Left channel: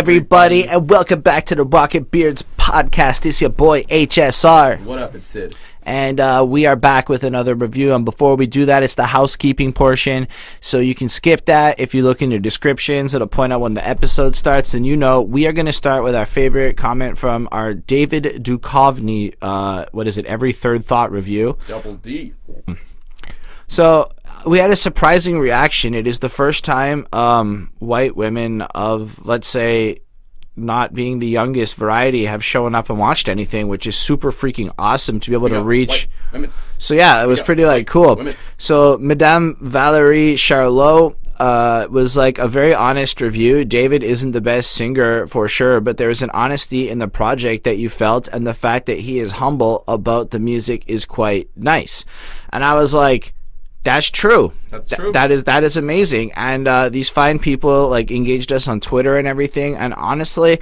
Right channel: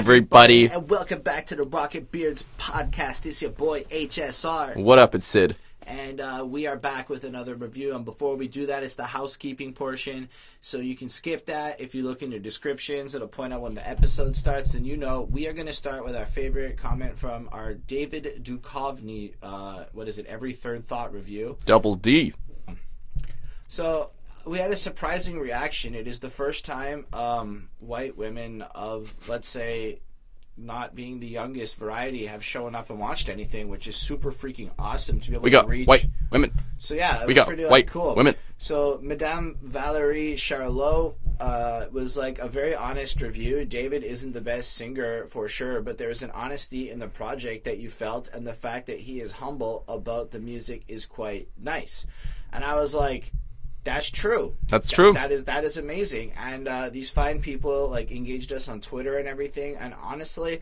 everybody, and welcome back to the Rocket Beards podcast. It's your boy HSR. What up, it's Sid. And we are back with another review. And before we do that, it's the housekeeping portion. So you can skip that. If you look in your descriptions, it'll point out when the episode starts. And you know, we are going to start with our favorite comment from our David Duchovny, Every Third Thought review. Double D. So we had a surprising reaction. It is the first time white women of, let's say, not being the youngest variety have shown up and watched anything, which is super freaking awesome to be able to reach white women. So yeah, it was pretty like cool. Women. So Madame Valerie Charlot was like a very honest review. David isn't the best singer for sure, but there's an honesty in the project that you felt, and the fact that he is humble about the music is quite nice. And I was like, that's true. That's true. That is amazing. And these fine people like engaged us on Twitter and everything. And honestly,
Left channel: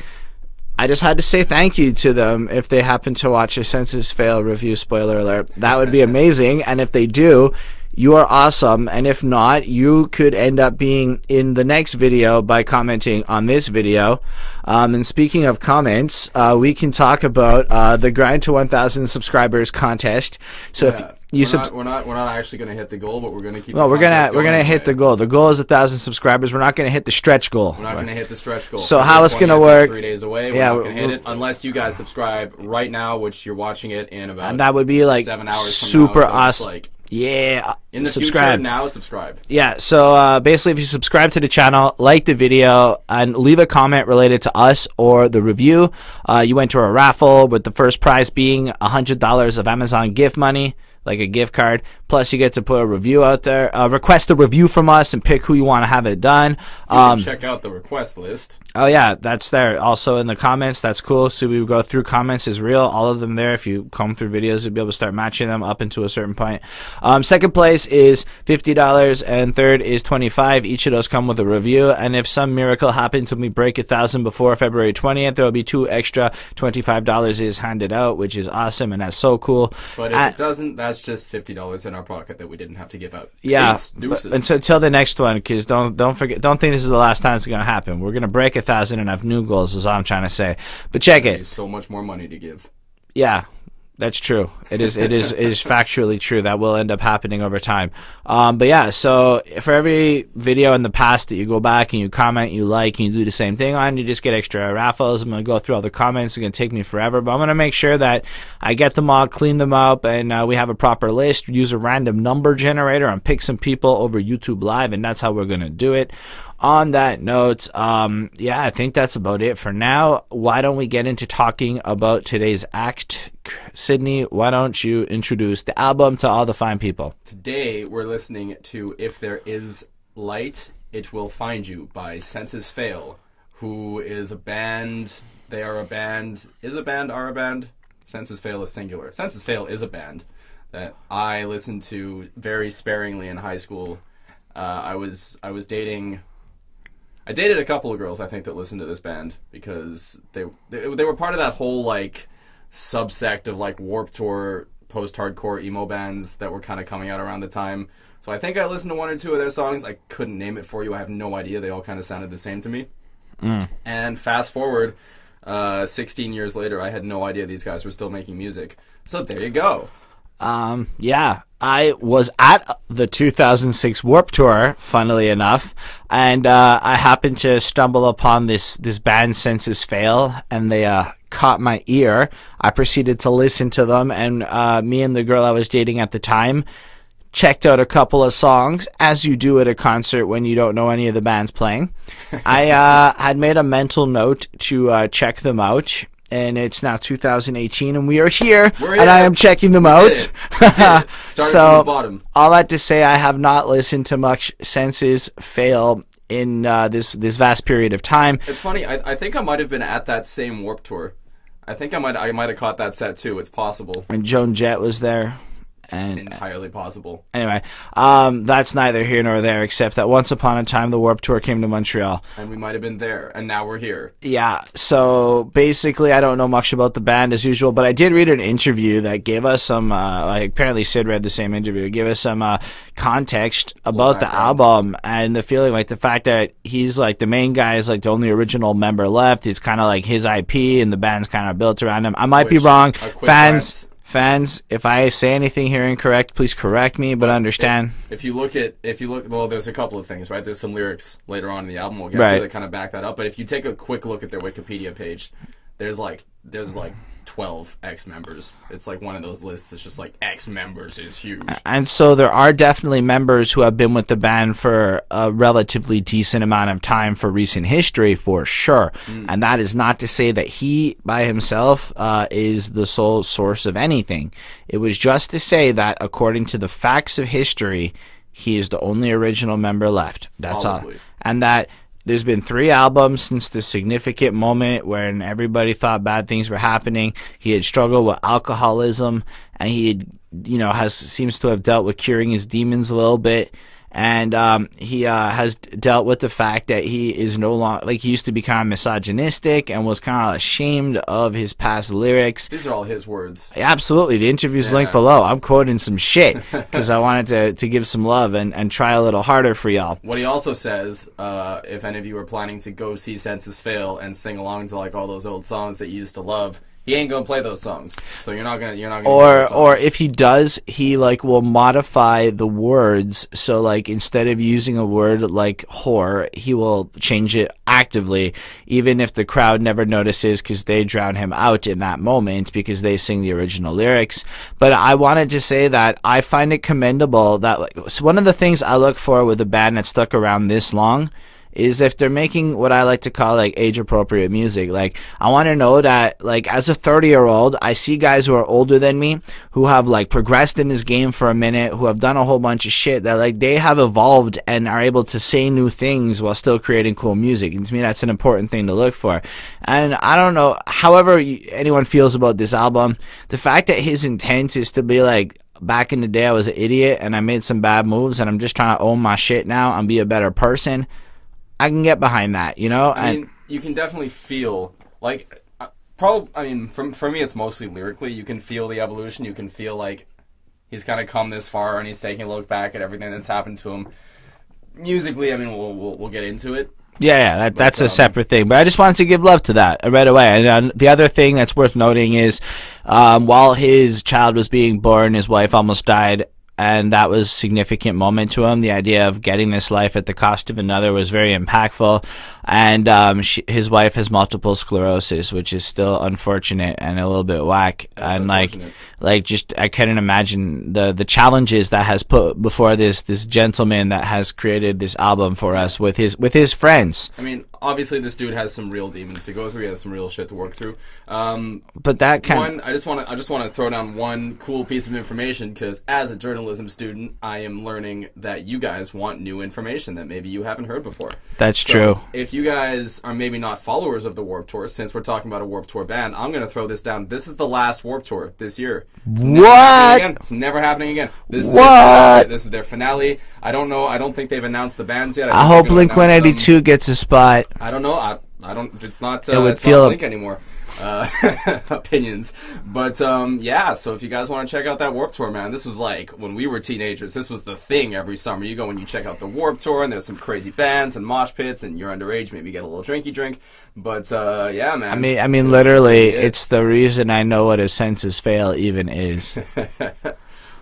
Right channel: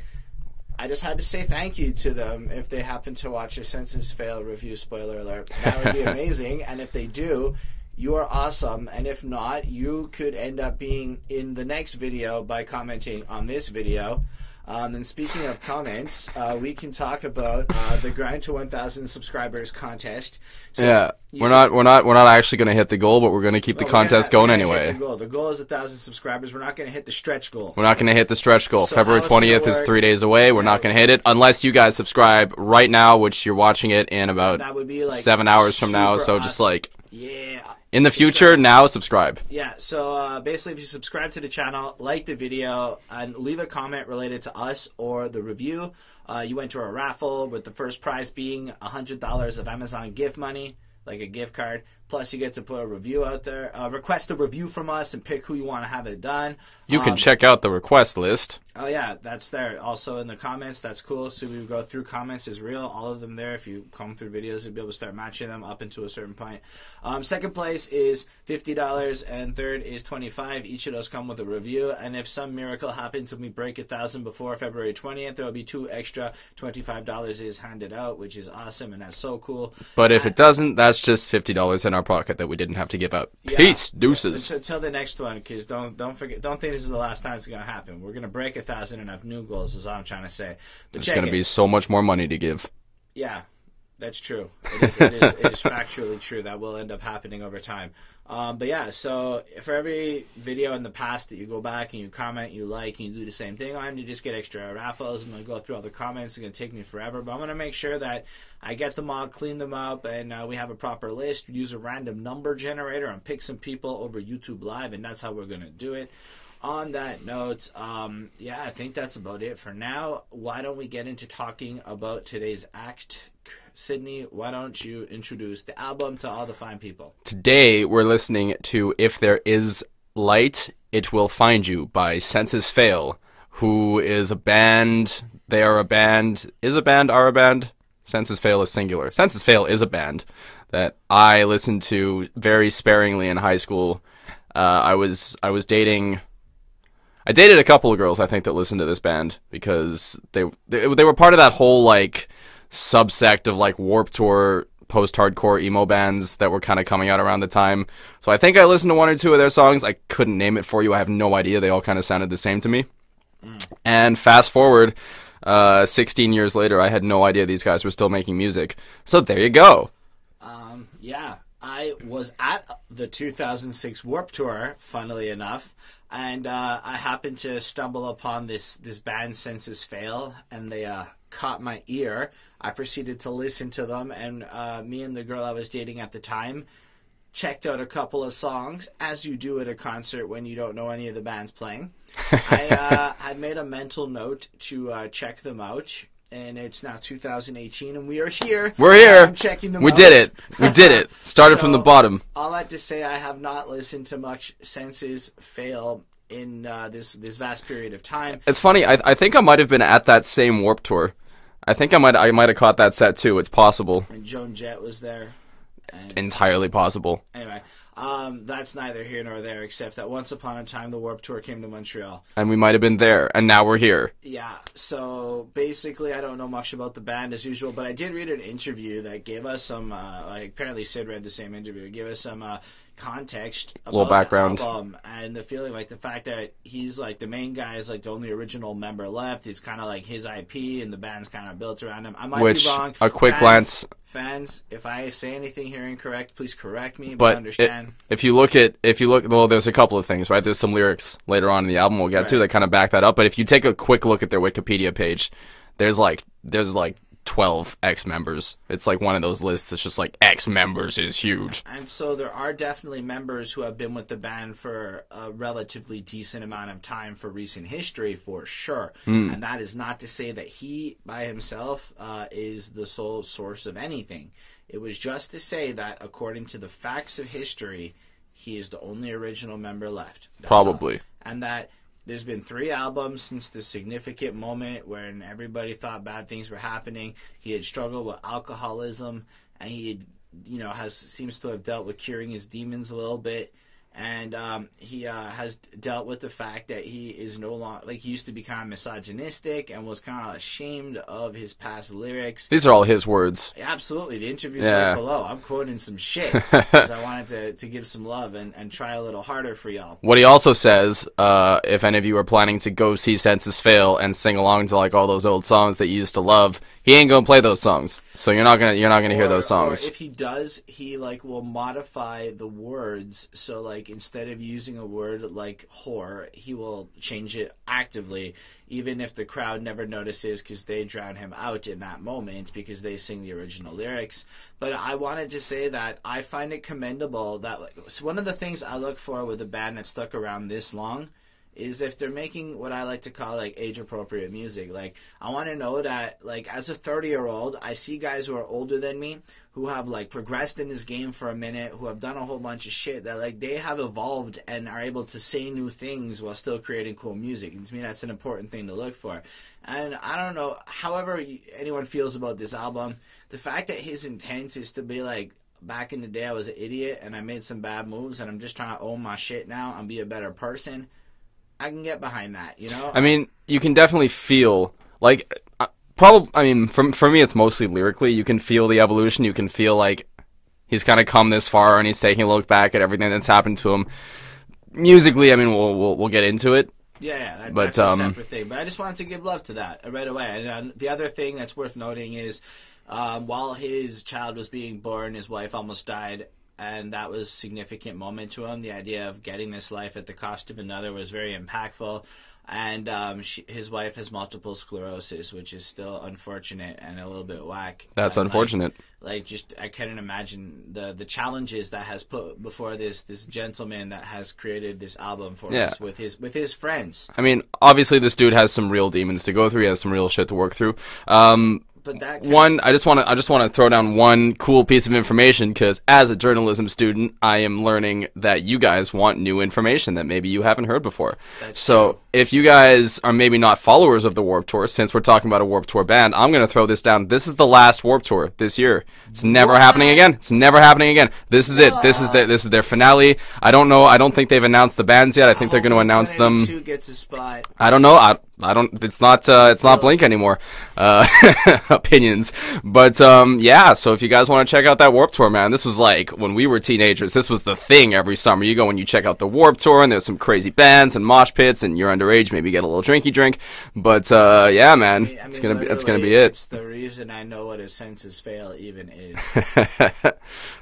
I just had to say thank you to them if they happen to watch a Census Fail review. Spoiler alert. That would be amazing. And if they do, you are awesome. And if not, you could end up being in the next video by commenting on this video. And speaking of comments, we can talk about the Grind to 1,000 subscribers contest. So yeah, we're not actually going to hit the goal, but we're going to keep the contest going. We're going to anyway. hit the goal. The goal is 1,000 subscribers. We're not going to hit the stretch goal. We're not going to hit the stretch goal. So February how it's going to 20th work? Is 3 days away. We're not going to hit it unless you guys subscribe right now, which you're watching it in about and that would be like 7 hours from now. Super So awesome. just like yeah. in the future, now subscribe. Yeah, so basically if you subscribe to the channel, like the video, and leave a comment related to us or the review, you enter a raffle with the first prize being $100 of Amazon gift money, like a gift card. Plus you get to put a review out there, request a review from us and pick who you want to have it done. You can check out the request list. Oh yeah, that's there. Also in the comments, that's cool. So we go through comments is real, all of them there. If you comb through videos, you'll be able to start matching them up into a certain point. Second place is $50 and third is $25. Each of those come with a review. And if some miracle happens and we break 1,000 before February 20th, there will be two extra $25 is handed out, which is awesome and that's so cool. But if it doesn't, that's just $50 in our pocket that we didn't have to give out. Yeah, peace, deuces. Until the next one, because don't think this is the last time it's gonna happen. We're gonna break 1,000 and have new goals. Is all I'm trying to say. But check it. Be so much more money to give. Yeah, that's true. It is factually true. That will end up happening over time. But yeah, so for every video in the past that you go back and you comment, you like, and you do the same thing on, you just get extra raffles. I'm going to go through all the comments. It's going to take me forever, but I'm going to make sure that I get them all, clean them up, and we have a proper list. Use a random number generator and pick some people over YouTube Live, and that's how we're going to do it. On that note, yeah, I think that's about it for now. Why don't we get into talking about today's act? Sydney, why don't you introduce the album to all the fine people? Today, we're listening to If There Is Light, It Will Find You by Census Fail, who is a band. They are a band. Are a band? Census Fail is singular. Census Fail is a band that I listened to very sparingly in high school. I dated a couple of girls, I think, that listened to this band because they were part of that whole like subsect of like Warped Tour post-hardcore emo bands that were kind of coming out around the time. So I think I listened to one or two of their songs. I couldn't name it for you. I have no idea. They all kind of sounded the same to me. And fast forward 16 years later, I had no idea these guys were still making music. So there you go. Yeah, I was at the 2006 Warped Tour, funnily enough, and I happened to stumble upon this band Census Fail, and they caught my ear. I proceeded to listen to them, and me and the girl I was dating at the time checked out a couple of songs, as you do at a concert when you don't know any of the bands playing. I had made a mental note to check them out. And it's now 2018, and we are here. We're here. And I am checking them out. We did it. We did it. Started from the bottom. All that to say, I have not listened to much Census Fail in this vast period of time. It's funny. I think I might have been at that same Warped Tour. I think I might have caught that set too. It's possible. And Joan Jett was there. And entirely possible. Anyway, that's neither here nor there, except that once upon a time the Warped Tour came to Montreal. And we might have been there, and now we're here. Yeah, so basically I don't know much about the band as usual, but I did read an interview that gave us some, like apparently Syd read the same interview, gave us some context about the album and the feeling, like the fact that he's like the main guy is like the only original member left. It's kind of like his IP and the band's kind of built around him. I might be wrong. A quick glance. Fans, if I say anything here incorrect, please correct me, but understand. If you look, well, there's a couple of things, right? There's some lyrics later on in the album we'll get to that kind of back that up. But if you take a quick look at their Wikipedia page, there's like 12 ex-members. It's like one of those lists that's just like ex-members is huge. And so there are definitely members who have been with the band for a relatively decent amount of time for recent history, for sure. And that is not to say that he by himself is the sole source of anything. It was just to say that according to the facts of history, he is the only original member left. That's Probably. all. And that there's been 3 albums since the significant moment when everybody thought bad things were happening. He had struggled with alcoholism, and he had, seems to have dealt with curing his demons a little bit. And he has dealt with the fact that he is no longer, like, he used to be kind of misogynistic and was kind of ashamed of his past lyrics. These are all his words. Absolutely. The interview's linked below. I'm quoting some shit because I wanted to give some love and try a little harder for y'all. What he also says, if any of you are planning to go see Senses Fail and sing along to like all those old songs that you used to love, he ain't gonna play those songs. So you're not gonna hear those songs. Or if he does, he like will modify the words. So like instead of using a word like whore, he will change it actively, even if the crowd never notices because they drown him out in that moment because they sing the original lyrics. But I wanted to say that I find it commendable that so one of the things I look for with a band that's stuck around this long is if they're making what I like to call like age-appropriate music. Like, I want to know that, like, as a 30-year-old, I see guys who are older than me who have like progressed in this game for a minute, who have done a whole bunch of shit that like they have evolved and are able to say new things while still creating cool music. And to me, that's an important thing to look for. And I don't know, however anyone feels about this album, the fact that his intent is to be like, back in the day I was an idiot and I made some bad moves and I'm just trying to own my shit now and be a better person, I can get behind that, you know? I mean, you can definitely feel, like, for me, it's mostly lyrically. You can feel the evolution. You can feel, like, he's kind of come this far and he's taking a look back at everything that's happened to him. Musically, I mean, we'll get into it. Yeah, that's a separate thing. But I just wanted to give love to that right away. And the other thing that's worth noting is while his child was being born, his wife almost died. And that was a significant moment to him. The idea of getting this life at the cost of another was very impactful. And his wife has multiple sclerosis, which is still unfortunate and a little bit whack. That's and unfortunate. Like just I couldn't imagine the challenges that has put before this gentleman that has created this album for us with his friends. I mean, obviously this dude has some real demons to go through. He has some real shit to work through. But that I just want to throw down one cool piece of information, because as a journalism student, I am learning that you guys want new information that maybe you haven't heard before. That's true. If you guys are maybe not followers of the Warped Tour, since we're talking about a Warped Tour band, I'm going to throw this down. This is the last Warped Tour this year. It's never happening again. It's never happening again. This is it. This is their finale. I don't know. I don't think they've announced the bands yet. I hope Blink-182 gets a spot. I don't know. I don't. It's not Blink anymore. Opinions, but yeah. So if you guys want to check out that Warped Tour, man, this was like when we were teenagers. This was the thing every summer. You go and you check out the Warped Tour, and there's some crazy bands and mosh pits, and you're underage, maybe get a little drinky drink. But yeah, man. I mean, literally, it's the reason I know what a Senses Fail even is.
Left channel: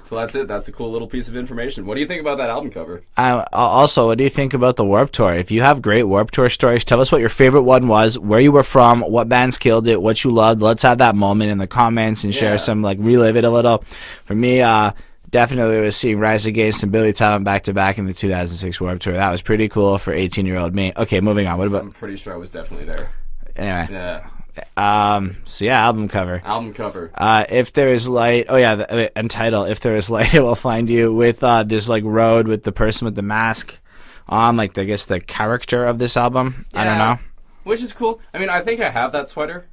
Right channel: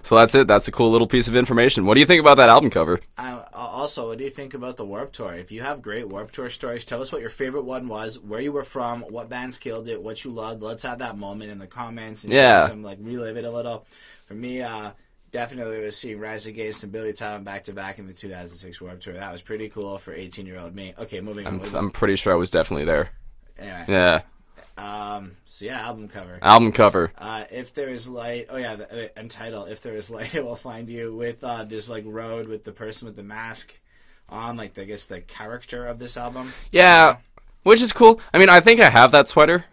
So that's it. That's a cool little piece of information. What do you think about that album cover? Also, what do you think about the Warped Tour? If you have great Warped Tour stories, tell us what your favorite one was, where you were from, what bands killed it, what you loved. Let's have that moment in the comments and share some, like, relive it a little. For me, definitely was seeing Rise Against and Billy Talent back-to-back in the 2006 Warped Tour. That was pretty cool for 18-year-old me. Okay, moving on. What about? I'm pretty sure I was definitely there. Anyway. Yeah. So yeah, album cover. If there is light, Untitled. If there is light, it will find you with this like road with the person with the mask on, like I guess the character of this album. Yeah, which is cool. I mean, I think I have that sweater.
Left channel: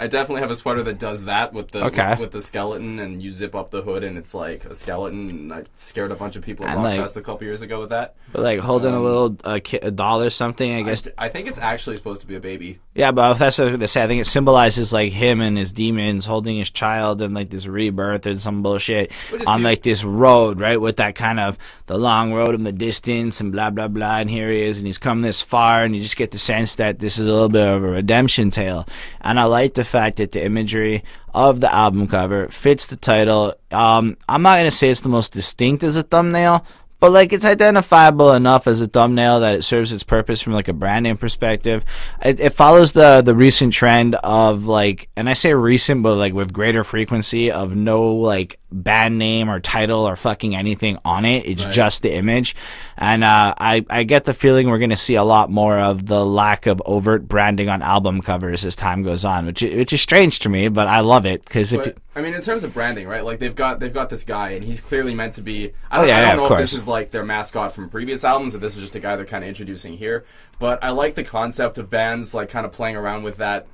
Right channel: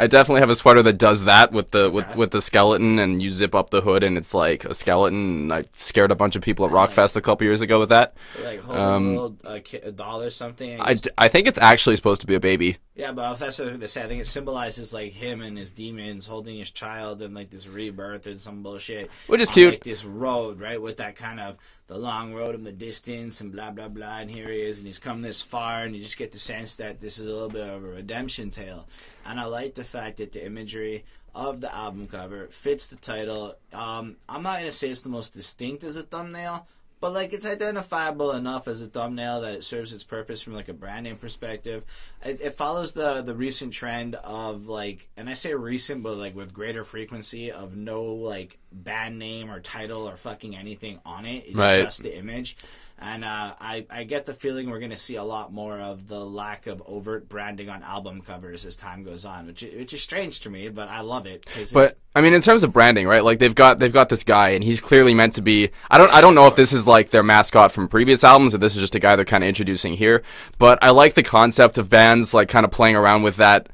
I definitely have a sweater that does that with the Okay. with the skeleton, and you zip up the hood and it's like a skeleton. And I scared a bunch of people at And, Rockfest a couple years ago with that. Like holding a little a doll or something. I guess. I think it's actually supposed to be a baby. Yeah, but that's what I was gonna say. I think it symbolizes like him and his demons holding his child and like this rebirth and some bullshit Which is on cute. like this road, right? With that kind of the long road in the distance and blah blah blah. And here he is, and he's come this far, and you just get the sense that this is a little bit of a redemption tale. And I like the fact that the imagery of the album cover fits the title. I'm not gonna say it's the most distinct as a thumbnail, but like it's identifiable enough as a thumbnail that it serves its purpose from like a branding perspective. It follows the recent trend of like, and I say recent, but like with greater frequency of no like band name or title or fucking anything on it. It's Right. just the image. And I get the feeling we're going to see a lot more of the lack of overt branding on album covers as time goes on, which is strange to me, but I love it because But I mean, in terms of branding, right? Like they've got this guy, and he's clearly meant to be. I Yeah, don't know of if this course. is like their mascot from previous albums, or this is just a guy they're kind of introducing here. But I like the concept of bands like kind of playing around with that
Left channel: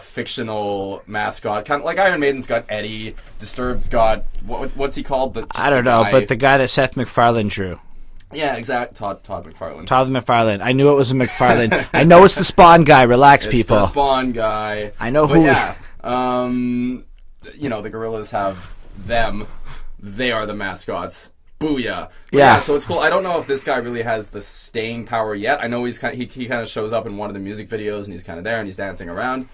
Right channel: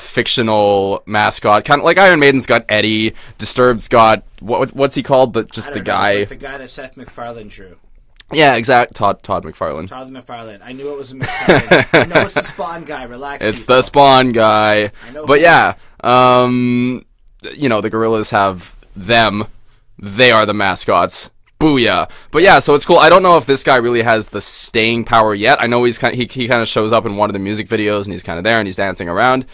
fictional mascot, kind of like Iron Maiden's got Eddie, Disturbed's got what's he called? I don't know, but the guy that Seth MacFarlane drew. Yeah, exact. Todd McFarlane. Todd McFarlane. I knew it was a McFarlane. I know it's the Spawn guy. Relax, It's people. the Spawn guy. I know But who- yeah, you know, the Gorillas have them. They are the mascots. Booyah. But yeah, so it's cool. I don't know if this guy really has the staying power yet. I know he kind of shows up in one of the music videos, and he's kind of there and he's dancing around.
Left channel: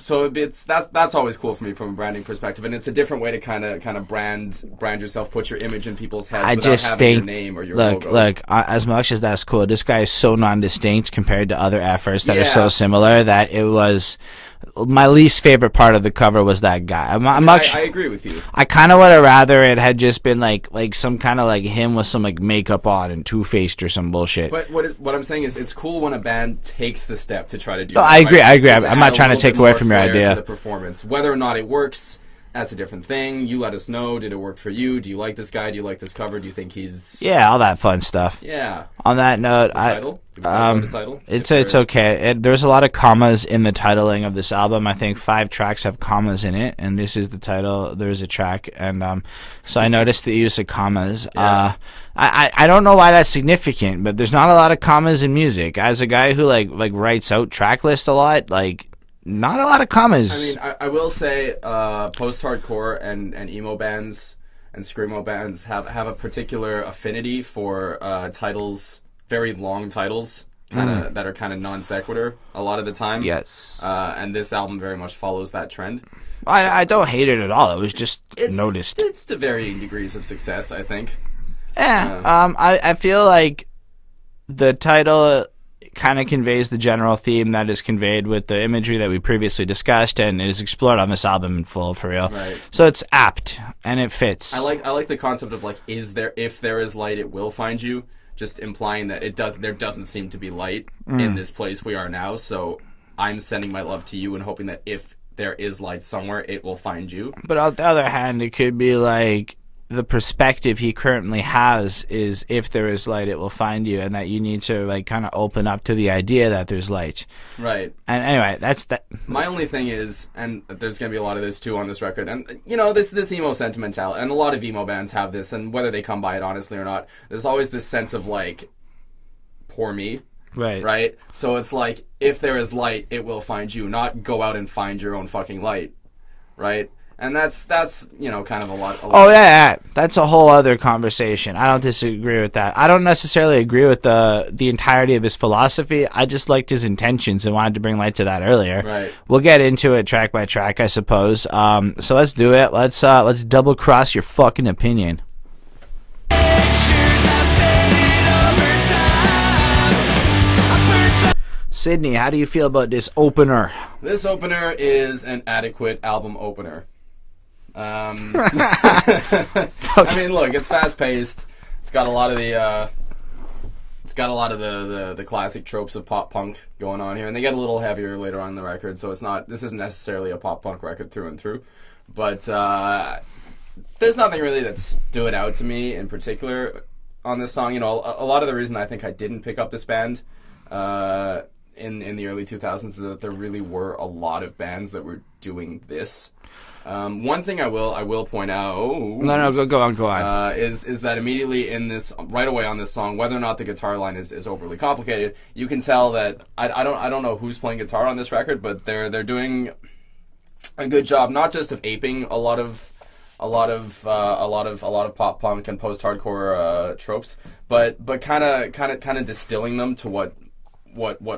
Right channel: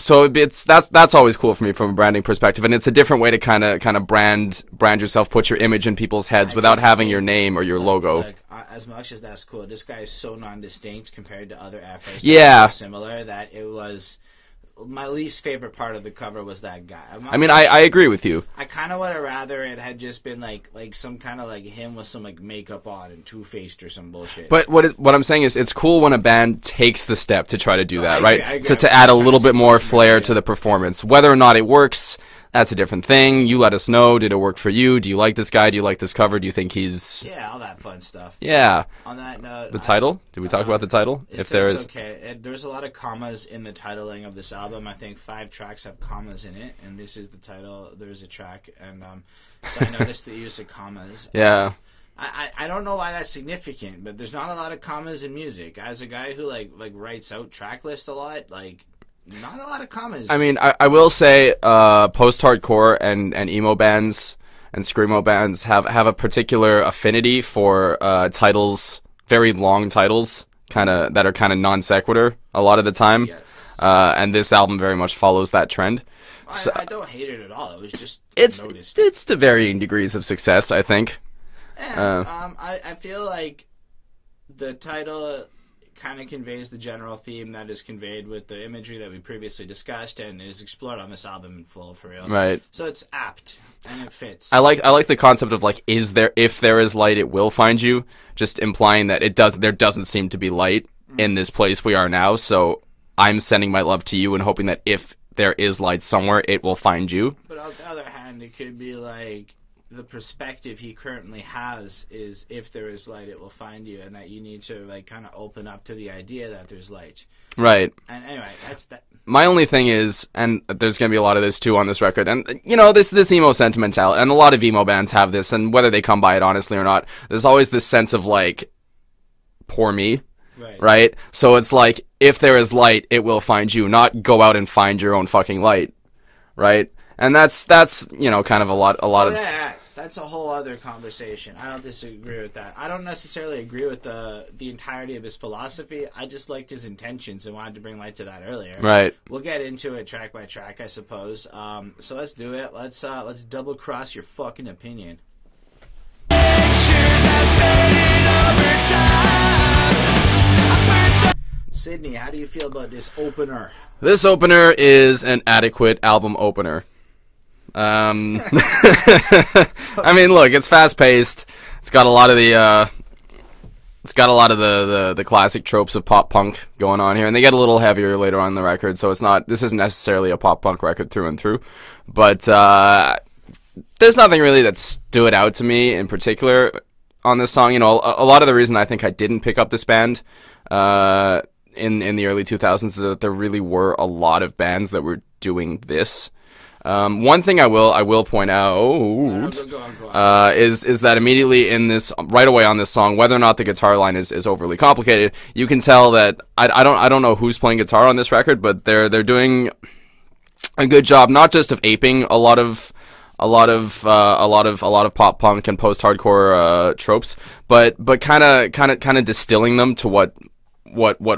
So that's always cool for me from a branding perspective, and it's a different way to kind of brand yourself, put your image in people's heads I without just having your think- name or your Look, logo. as much as that's cool, this guy is so non-distinct compared to other efforts that Yeah. are so similar that it was my least favorite part of the cover was that guy. I agree with you. I kind of would have rather it had just been like some kind of like him with some like makeup on and two-faced or some bullshit. But what I'm saying is, it's cool when a band takes the step to try to do that. I agree, right? I agree. To I'm add not a trying to little take bit away more from your flair idea. to the performance. Whether or not it works, that's a different thing. You let us know. Did it work for you? Do you like this guy? Do you like this cover? Do you think he's... Yeah, all that fun stuff. Yeah. On that note, The title? Did we talk about the title? It's If there's- okay. There's a lot of commas in the titling of this album. I think 5 tracks have commas in it, and this is the title. There's a track, and so I noticed the use of commas. Yeah. I don't know why that's significant, but there's not a lot of commas in music. As a guy who like writes out track lists a lot, like not a lot of commas. I mean, I will say post-hardcore and emo bands and screamo bands have a particular affinity for titles, very long titles, that are kind of non sequitur a lot of the time. Yes. And this album very much follows that trend. I don't hate it at all. It was just noticed. It's to varying degrees of success, I think. Yeah. I feel like the title kind of conveys the general theme that is conveyed with the imagery that we previously discussed, and it is explored on this album in full, for real. Right. So it's apt and it fits. I like the concept of like, if there is light, it will find you. Just implying that there doesn't seem to be light in this place we are now. So I'm sending my love to you and hoping that if there is light somewhere, it will find you. But on the other hand, it could be like the perspective he currently has is if there is light, it will find you, and that you need to like kind of open up to the idea that there's light. Right. And anyway, that's that. My only thing is, and there's going to be a lot of this too on this record, and you know, this emo sentimentality, and a lot of emo bands have this, and whether they come by it honestly or not, there's always this sense of like, poor me. Right. Right? So it's like, if there is light, it will find you, not go out and find your own fucking light. Right? And that's you know, kind of a lot. Oh yeah, that's a whole other conversation. I don't disagree with that. I don't necessarily agree with the entirety of his philosophy. I just liked his intentions and wanted to bring light to that earlier. Right. We'll get into it track by track, I suppose. So let's do it. Let's double cross your fucking opinion. Sydney, how do you feel about this opener? This opener is an adequate album opener. I mean, look, it's fast paced. It's got a lot of the the classic tropes of pop punk going on here, and they get a little heavier later on in the record. So this isn't necessarily a pop punk record through and through, but there's nothing really that stood out to me in particular on this song. You know, a lot of the reason I think I didn't pick up this band in the early 2000s is that there really were a lot of bands that were doing this. One thing I will point out. Go on. Is that immediately in this, right away on this song, whether or not the guitar line is overly complicated, you can tell that I don't know who's playing guitar on this record, but they're doing a good job, not just of aping a lot of pop punk and post hardcore tropes, but kind of distilling them to what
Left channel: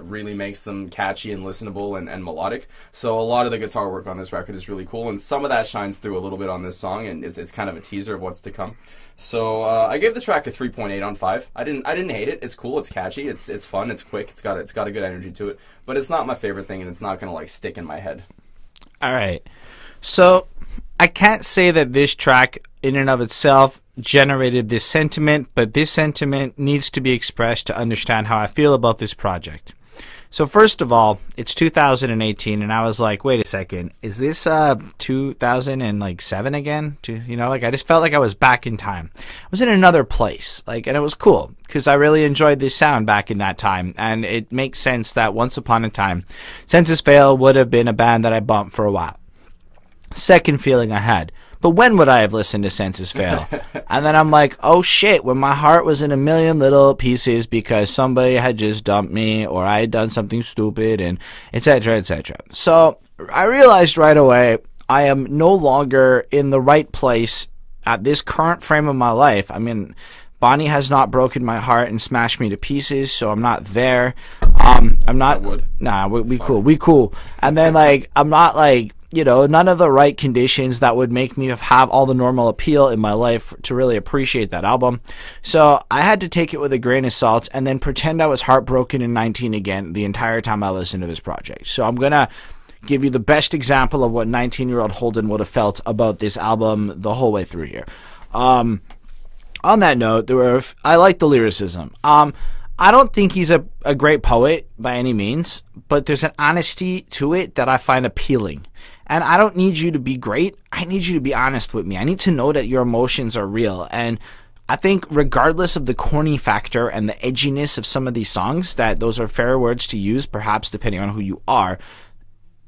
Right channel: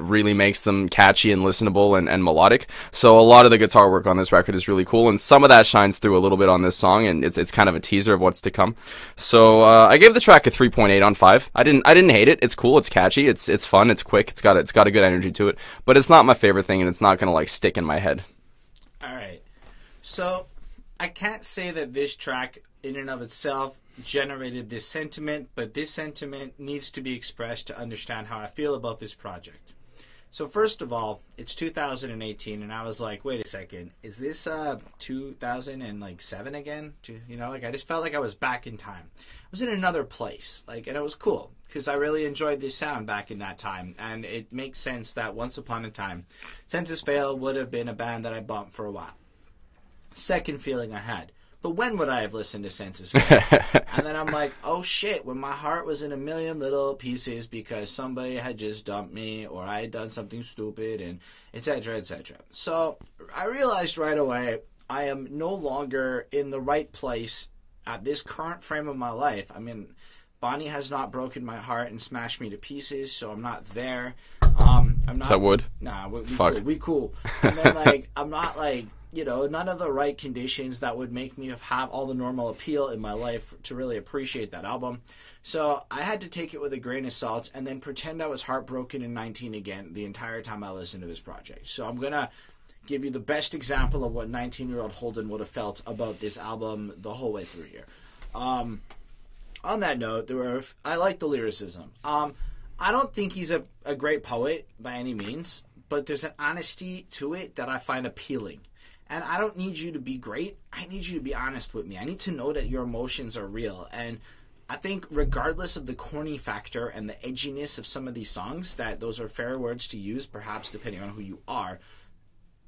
really makes them catchy and listenable and melodic. So a lot of the guitar work on this record is really cool, and some of that shines through a little bit on this song, and it's kind of a teaser of what's to come. So I gave the track a 3.8 on 5. I didn't hate it. It's cool. It's catchy. It's fun. It's quick. It's got a good energy to it. But it's not my favorite thing, and it's not gonna like stick in my head. All right. So I can't say that this track in and of itself generated this sentiment, but this sentiment needs to be expressed to understand how I feel about this project. So first of all, it's 2018, and I was like, wait a second, is this 2007 again? I just felt like I was back in time. I was in another place, and it was cool because I really enjoyed this sound back in that time, and it makes sense that once upon a time, Census Fail would have been a band that I bumped for a while. Second feeling I had, but when would I have listened to Census Fail? And then I'm like, oh shit, when my heart was in a million little pieces because somebody had just dumped me or I had done something stupid, and etc., etc. So I realized right away I am no longer in the right place at this current frame of my life. I mean, Bonnie has not broken my heart and smashed me to pieces, so I'm not there. I'm not. That would. Nah, we cool. And then I'm not none of the right conditions that would make me have all the normal appeal in my life to really appreciate that album. So I had to take it with a grain of salt and then pretend I was heartbroken in 19 again the entire time I listened to this project. So I'm going to give you the best example of what 19-year-old Holden would have felt about this album the whole way through here. On that note, I like the lyricism. I don't think he's a great poet by any means, but there's an honesty to it that I find appealing. And I don't need you to be great. I need you to be honest with me. I need to know that your emotions are real. And I think regardless of the corny factor and the edginess of some of these songs, that those are fair words to use, perhaps depending on who you are,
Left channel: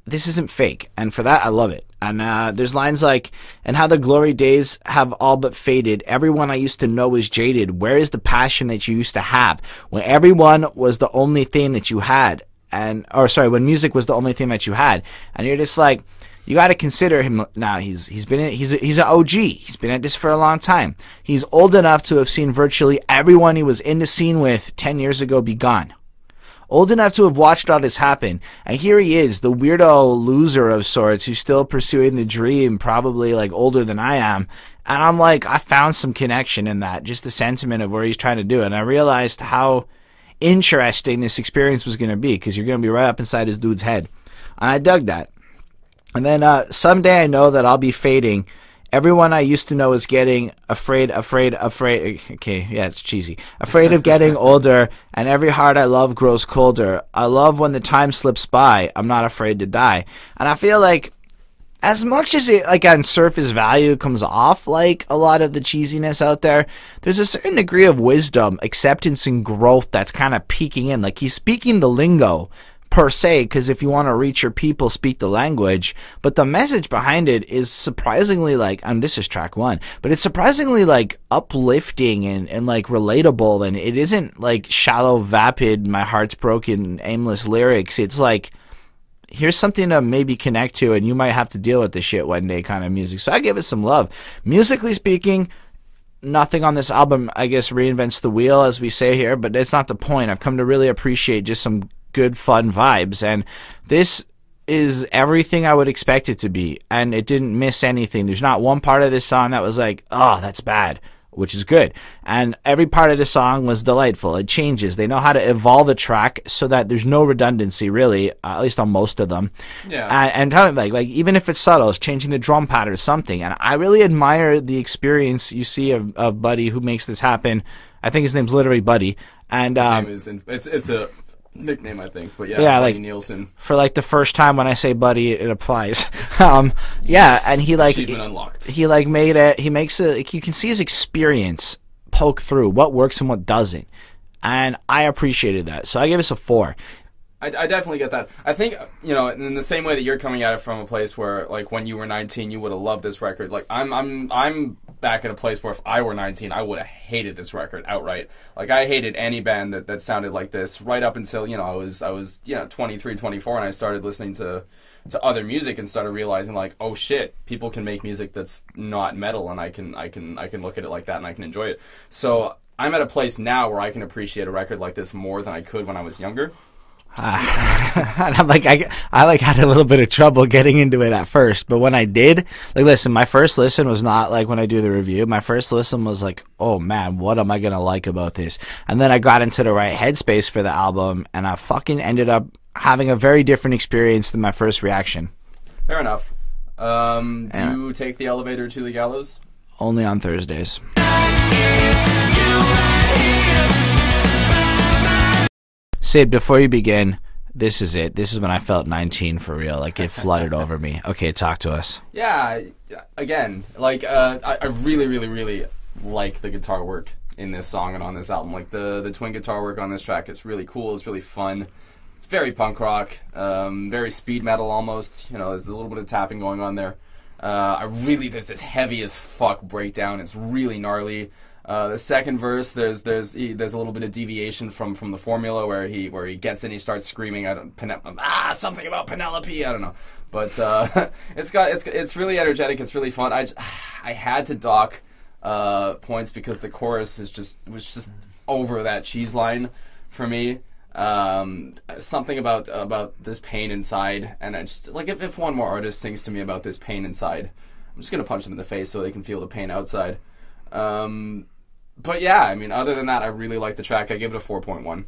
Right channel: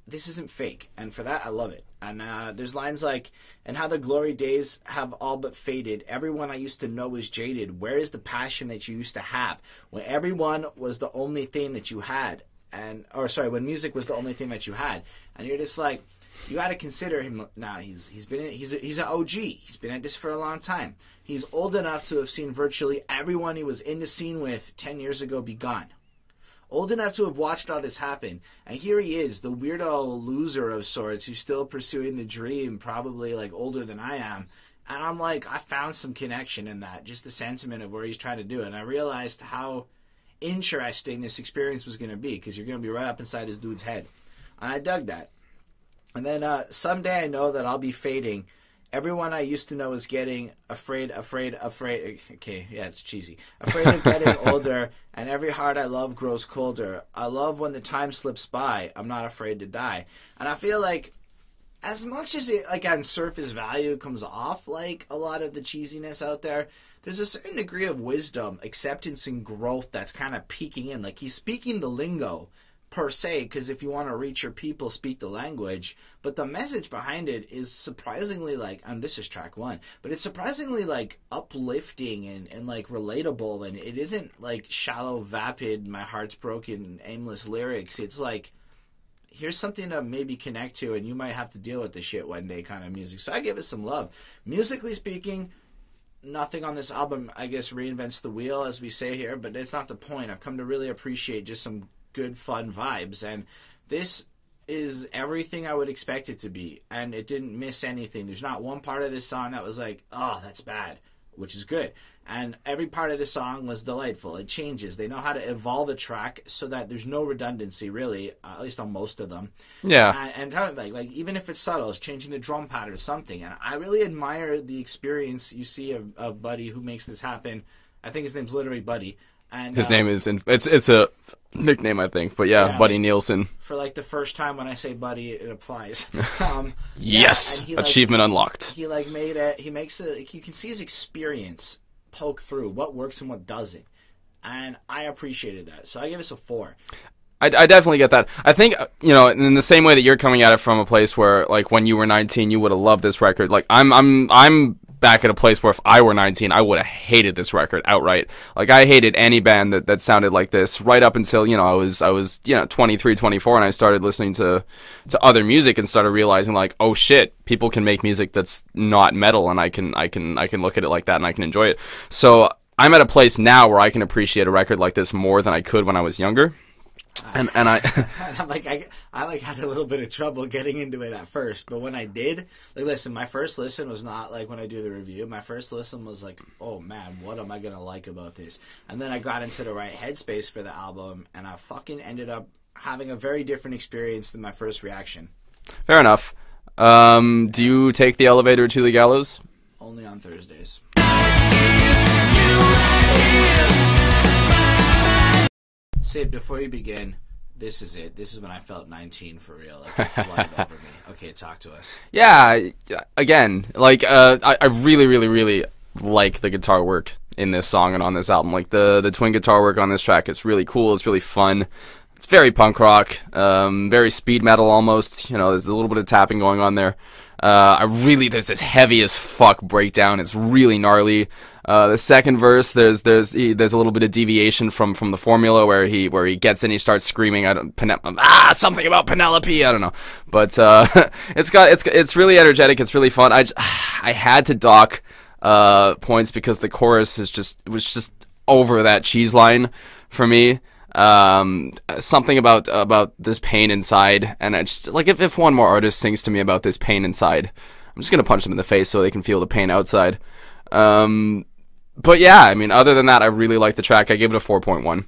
this isn't fake. And for that, I love it. And there's lines like, and how the glory days have all but faded. Everyone I used to know is jaded. Where is the passion that you used to have? When everyone was the only thing that you had. When music was the only thing that you had. And you're just like, you got to consider him now. He's an OG. He's been at this for a long time. He's old enough to have seen virtually everyone he was in the scene with 10 years ago be gone. Old enough to have watched all this happen. And here he is, the weirdo loser of sorts who's still pursuing the dream, probably older than I am. And I'm like, I found some connection in that, just the sentiment of where he's trying to do it. And I realized how interesting this experience was going to be, because you're going to be right up inside this dude's head. And I dug that. And then someday I know that I'll be fading. Everyone I used to know is getting afraid. Okay, yeah, it's cheesy. Afraid of getting older, and every heart I love grows colder. I love when the time slips by. I'm not afraid to die. And I feel like as much as it, on surface value, comes off like a lot of the cheesiness out there, there's a certain degree of wisdom, acceptance, and growth that's kind of peeking in. He's speaking the lingo, per se, because if you want to reach your people, speak the language, but the message behind it is surprisingly and this is track 1, but it's surprisingly uplifting and relatable, and it isn't shallow, vapid, my heart's broken, aimless lyrics. It's here's something to maybe connect to, and you might have to deal with this shit one day kind of music. So I give it some love. Musically speaking, nothing on this album, I guess, reinvents the wheel, as we say here, but it's not the point. I've come to really appreciate just some good fun vibes, and this is everything I would expect it to be, and it didn't miss anything. There's not one part of this song that was oh, that's bad, which is good, and every part of the song was delightful. It changes. They know how to evolve a track so that there's no redundancy, really, at least on most of them. Yeah. And even if it's subtle, it's changing the drum pattern or something, and I really admire the experience you see of Buddy, who makes this happen. I think his name's literally Buddy, and his name is it's a nickname, I think, but yeah, Buddy Nielson. For the first time when I say Buddy, it applies. Yes, and he achievement unlocked. He made it. He makes it. You can see his experience poke through what works and what doesn't, and I appreciated that. So I give us a 4. I definitely get that. I think, you know, in the same way that you're coming at it from a place where, like, when you were 19, you would have loved this record. Like, I'm back at a place where if I were 19, I would have hated this record outright. Like, I hated any band that sounded like this right up until, you know, I was 23, 24, and I started listening to other music and started realizing, like, oh shit, people can make music that's not metal, and I can look at it like that and I can enjoy it. So I'm at a place now where I can appreciate a record like this more than I could when I was younger. And I'm like, I like had a little bit of trouble getting into it at first, but when I did, like, listen, my first listen was not like when I do the review. My first listen was like, oh man, what am I gonna like about this? And then I got into the right headspace for the album, and I fucking ended up having a very different experience than my first reaction. Fair enough. Do you take the elevator to the Gallows? Only on Thursdays. Syd, before you begin, this is it. This is when I felt 19 for real. Like, it flooded over me. Okay, talk to us. Yeah, again, like, I really, really, really like the guitar work in this song and on this album. Like, the twin guitar work on this track, it's really cool. It's really fun. It's very punk rock, very speed metal almost. You know, there's a little bit of tapping going on there. There's this heavy as fuck breakdown. It's really gnarly. The second verse, there's a little bit of deviation from the formula where he gets in, he starts screaming, something about Penelope, I don't know, but it's really energetic, it's really fun. I had to dock points because the chorus was just over that cheese line for me. Something about this pain inside, and I just like if one more artist sings to me about this pain inside, I'm just gonna punch them in the face so they can feel the pain outside. But yeah, I mean, other than that, I really like the track. I gave it a 4.1.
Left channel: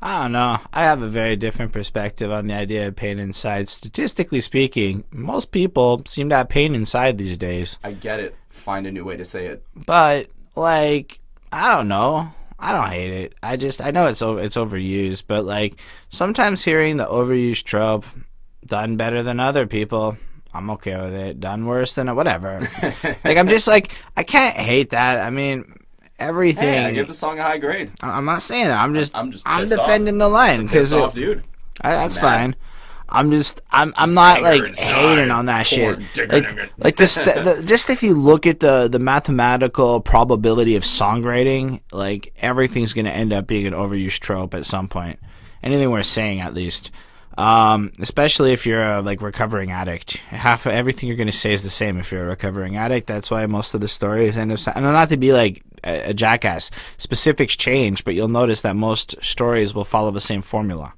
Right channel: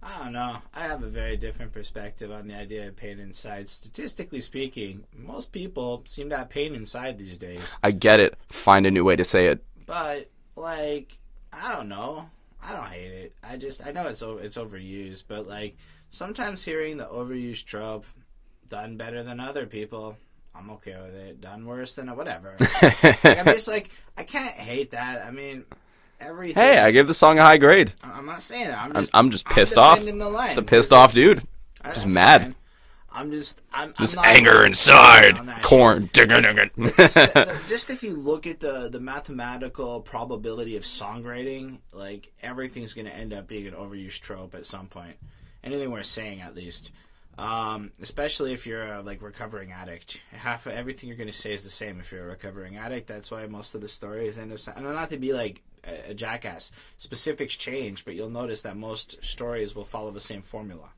I don't know. I have a very different perspective on the idea of pain inside. Statistically speaking, most people seem to have pain inside these days. I get it. Find a new way to say it. But, like, I don't know. I don't hate it. I know it's overused, but, like, sometimes hearing the overused trope done better than other people, I'm okay with it. Done worse than whatever. Like, I'm just like, I can't hate that. I mean, everything. Hey, I give the song a high grade. I'm not saying it. I'm just pissed off. I'm defending the line. I'm pissed off, dude. That's mad. Fine. I'm not anger like inside on that corn. shit. Like this, just if you look at the mathematical probability of songwriting, like everything's gonna end up being an overused trope at some point. Anything worth saying, at least. Especially if you're a recovering addict. Half of everything you're gonna say is the same if you're a recovering addict. That's why most of the stories end up. And not to be like a jackass, specifics change, but you'll notice that most stories will follow the same formula.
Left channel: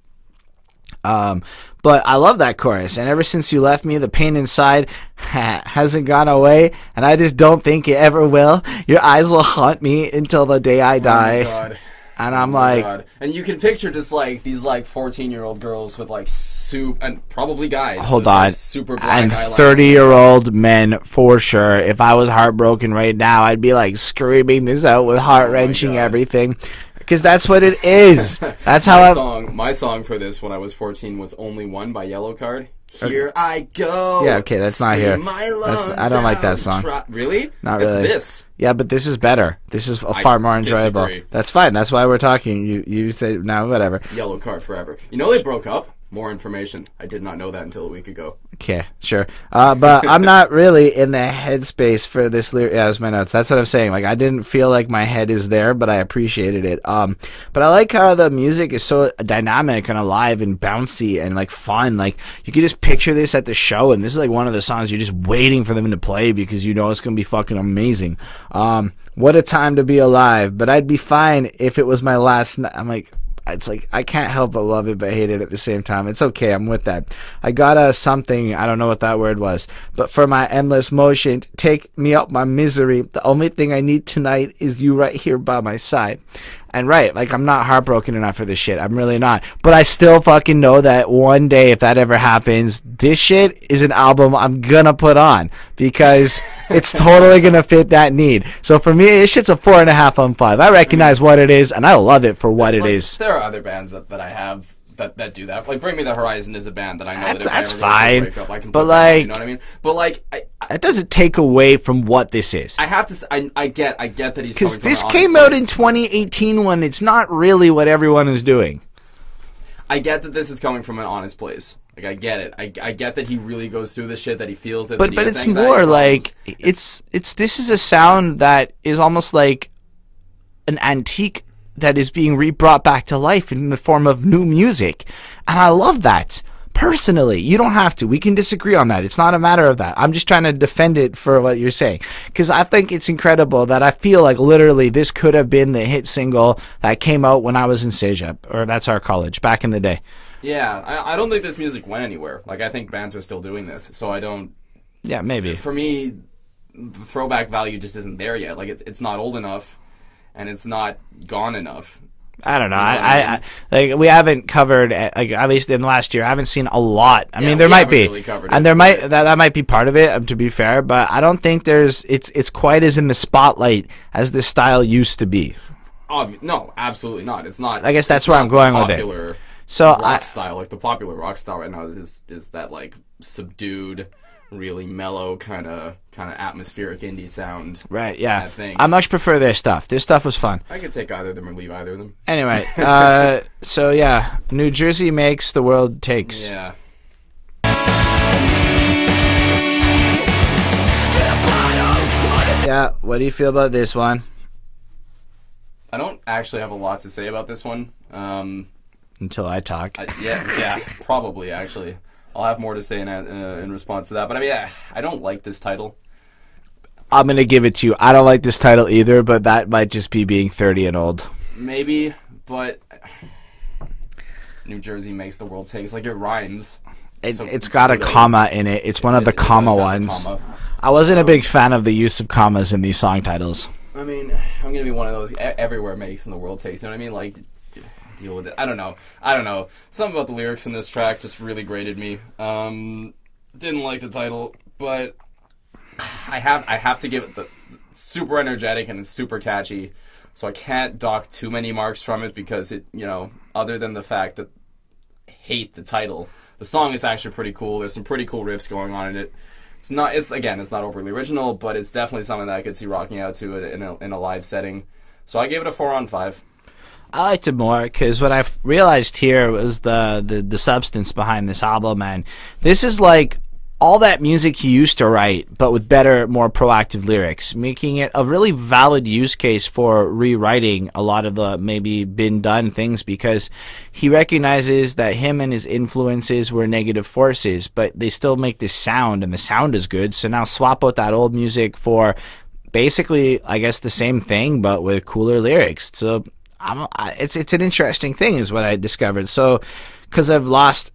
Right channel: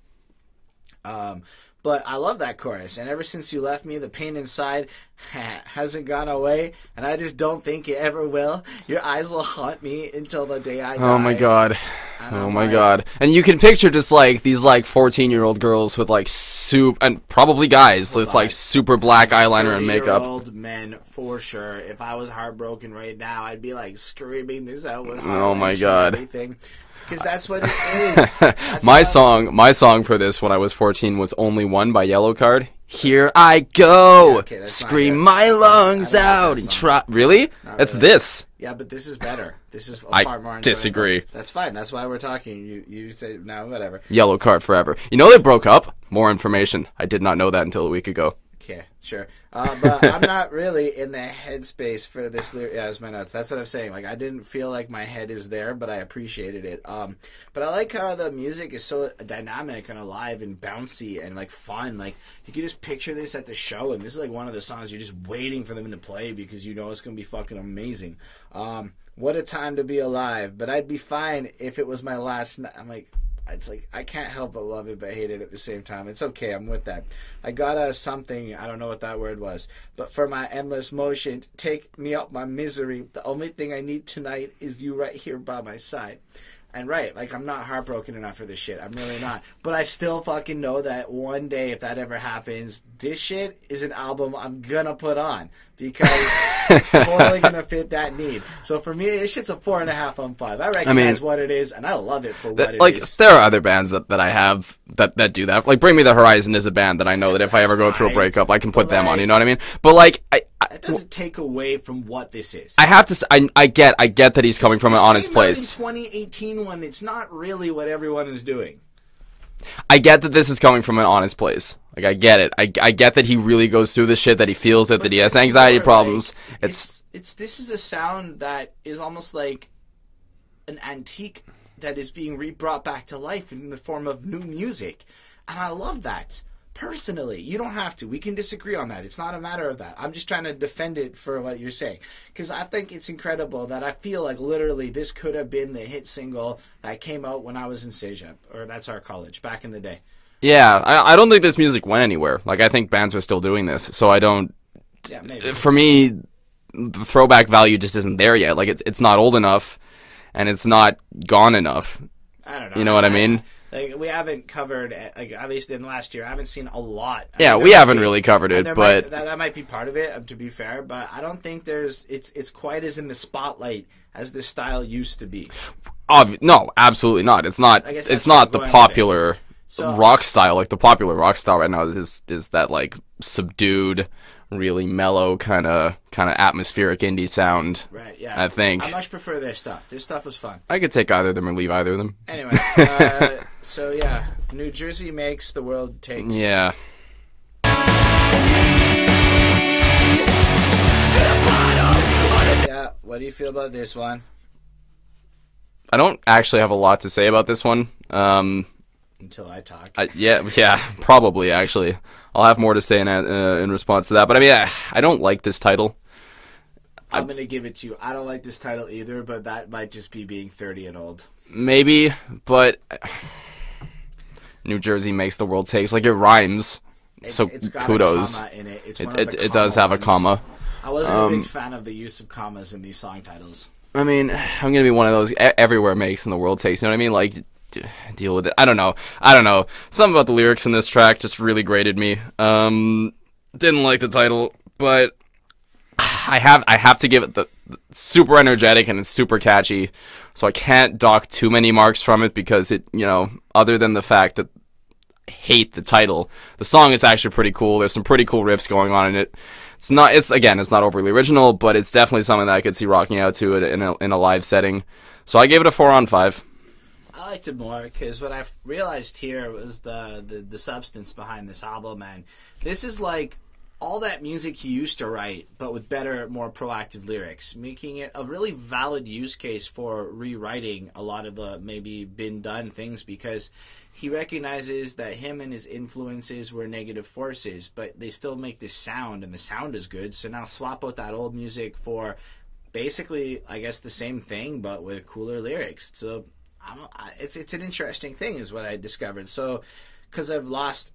But I love that chorus, and ever since you left me, the pain inside hasn't gone away, and I just don't think it ever will. Your eyes will haunt me until the day I die. Oh my god. And I'm like, god. And you can picture just like these 14-year-old girls with soup, and probably guys with super black eyeliner. 30-year-old men for sure. If I was heartbroken right now, I'd be screaming this out with heart-wrenching everything. Because that's what it is. That's my song for this when I was 14 was Only One by Yellowcard. Here I go. Yeah, okay, that's not here. Scream my lungs I don't out. like that song. Really? Not It's really. this. Yeah, but this is better. This is far more enjoyable. Disagree. That's fine. That's why we're talking. You say now, whatever. Yellowcard forever. You know they broke up? More information. I did not know that until a week ago. Okay, sure. But I'm not really in the headspace for this lyric. Yeah, that's my notes. That's what I'm saying. I didn't feel like my head is there, but I appreciated it. But I like how the music is so dynamic and alive and bouncy and fun. You could just picture this at the show, and this is one of the songs you're just waiting for them to play because you know it's gonna be fucking amazing. What a time to be alive. But I'd be fine if it was my last night. I'm it's I can't help but love it but hate it at the same time. It's okay, I'm with that. I got something, I don't know what that word was, but for my endless motion, take me out my misery. The only thing I need tonight is you right here by my side. And right, I'm not heartbroken enough for this shit. I'm really not. But I still fucking know that one day, if that ever happens, this shit is an album I'm gonna put on because it's totally gonna fit that need. So for me, this shit's a 4.5 on 5. I recognize what it is, and I love it for what it is. There are other bands that I have that do that. Bring Me the Horizon is a band that I know that if I ever go through a breakup, I can put them on. You know what I mean? But it doesn't take away from what this is. I have to. I get that he's coming from an honest place. This came out in 2018 when it's not really what everyone is doing. I get that this is coming from an honest place. Like, I get it. I get that he really goes through the shit, that he feels it, that he has anxiety problems. Like, it's this is a sound that is almost like an antique that is being brought back to life in the form of new music. And I love that. Personally, you don't have to. We can disagree on that. It's not a matter of that. I'm just trying to defend it for what you're saying. Because I think it's incredible that I feel like literally this could have been the hit single that came out when I was in Cégep, or that's our college, back in the day. Yeah, I don't think this music went anywhere. Like, I think bands are still doing this, so I don't... Yeah, maybe. For me, the throwback value just isn't there yet. Like, it's not old enough, and it's not gone enough. I don't know. You know what I mean? Like, we haven't covered, like, at least in the last year, I haven't seen a lot. I mean, we haven't really covered it. And there that might be part of it, to be fair, but I don't think it's quite as in the spotlight as this style used to be. No, absolutely not. It's not. I guess that's it's where not I'm going the popular rock So, style. Like, the popular rock style right now is that, like, subdued, really mellow kind of atmospheric indie sound. right, yeah. I think I much prefer their stuff. This stuff was fun. I could take either of them or leave either of them. Anyway, so yeah, New Jersey makes, the world takes. Yeah. Yeah, what do you feel about this one? I don't actually have a lot to say about this one. Until I talk. Yeah, probably, actually. I'll have more to say in response to that. But, I mean, I don't like this title. I'm going to give it to you. I don't like this title either, but that might just be being 30 and old. Maybe, but New Jersey makes, the world takes. Like, it rhymes. It's got a comma in it. It's one of the comma ones. It does ones. have a comma. I wasn't a big fan of the use of commas in these song titles. I mean, I'm going to be one of those everywhere makes and the world takes. You know what I mean? Like, deal with it. I don't know. Something about the lyrics in this track just really grated me. Didn't like the title, but I have to give it the super energetic, and it's super catchy. So I can't dock too many marks from it because it, other than the fact that I hate the title, the song is actually pretty cool. There's some pretty cool riffs going on in it. It's not overly original, but it's definitely something that I could see rocking out to it in a live setting. So I gave it a 4 on 5. I liked it more because what I realized here was the substance behind this album, and this is like all that music he used to write, but with better, more proactive lyrics, making it a really valid use case for rewriting a lot of the maybe been done things, because he recognizes that him and his influences were negative forces, but they still make this sound, and the sound is good. So now swap out that old music for basically, I guess, the same thing, but with cooler lyrics. So it's an interesting thing is what I discovered. So because I've lost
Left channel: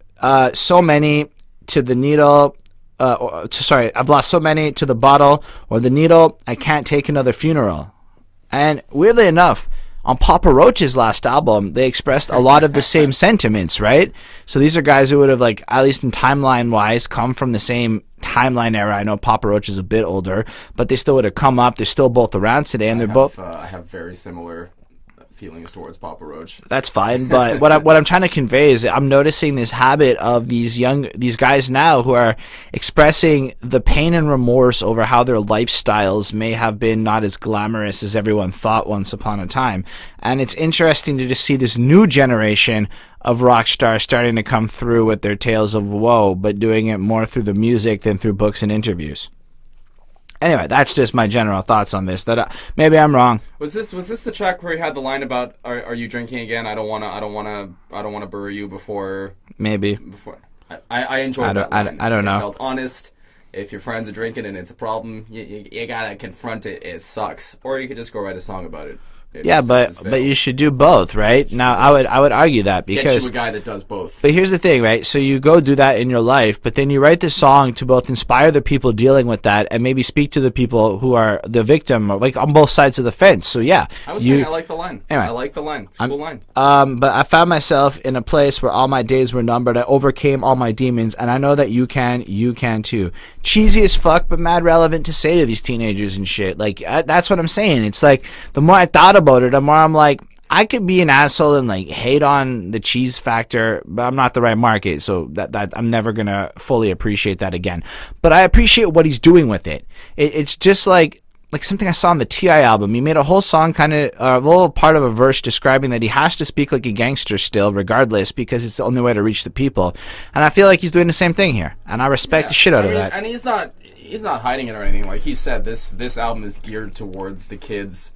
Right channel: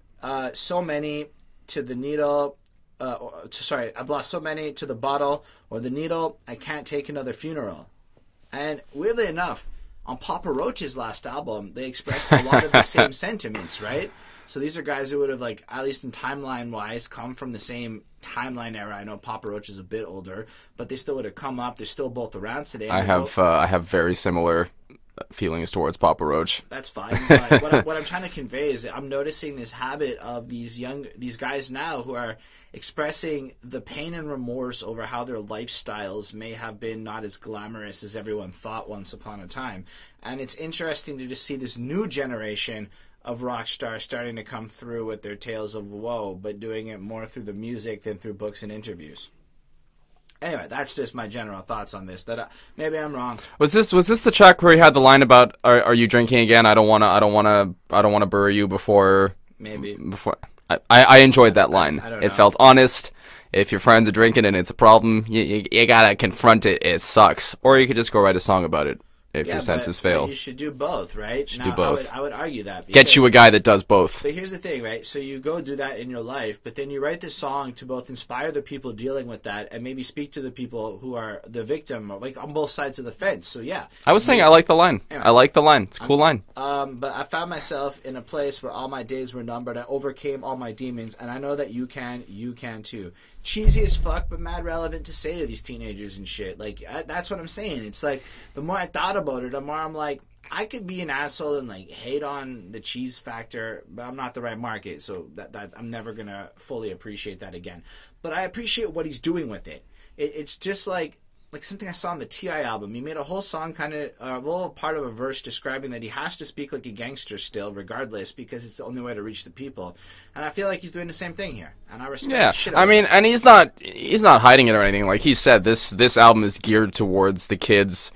so many to the needle, I've lost so many to the bottle or the needle, I can't take another funeral. And weirdly enough, on Papa Roach's last album, they expressed a lot of the same sentiments, right? So these are guys who would have, like, at least in timeline wise, come from the same timeline era. I know Papa Roach is a bit older, but they still would have come up. They're still both around today, and I have very similar feelings towards Papa Roach. That's fine, but what I'm trying to convey is I'm noticing this habit of these guys now who are expressing the pain and remorse over how their lifestyles may have been not as glamorous as everyone thought once upon a time. And it's interesting to just see this new generation of rock stars starting to come through with their tales of woe, but doing it more through the music than through books and interviews. Anyway, that's just my general thoughts on this. Maybe I'm wrong. Was this the track where he had the line about "Are you drinking again? I don't wanna bury you before." Maybe. Before I enjoyed that line. I don't know. It felt honest. If your friends are drinking and it's a problem, you gotta confront it. It sucks. Or you could just go write a song about it. Yeah, but you should do both, right? Now, I would argue that because get you a guy that does both. But here's the thing, right? So you go do that in your life, but then you write this song to both inspire the people dealing with that and maybe speak to the people who are the victim, like on both sides of the fence. So yeah, I was saying I like the line. Anyway, I like the line. It's a cool line. But I found myself in a place where all my days were numbered. I overcame all my demons, and I know that you can too. Cheesy as fuck, but mad relevant to say to these teenagers and shit. Like that's what I'm saying. It's like the more I thought about it, the more I'm like, I could be an asshole and like hate on the cheese factor, but I'm not the right market, so that I'm never gonna fully appreciate that again. But I appreciate what he's doing with it. It's just like like something I saw on the T.I. album. He made a whole song, kind of a little part of a verse describing that he has to speak like a gangster still, regardless, because it's the only way to reach the people. And I feel like he's doing the same thing here, and I respect the shit out of that. And he's not hiding it or anything. Like he said, this album is geared towards the kids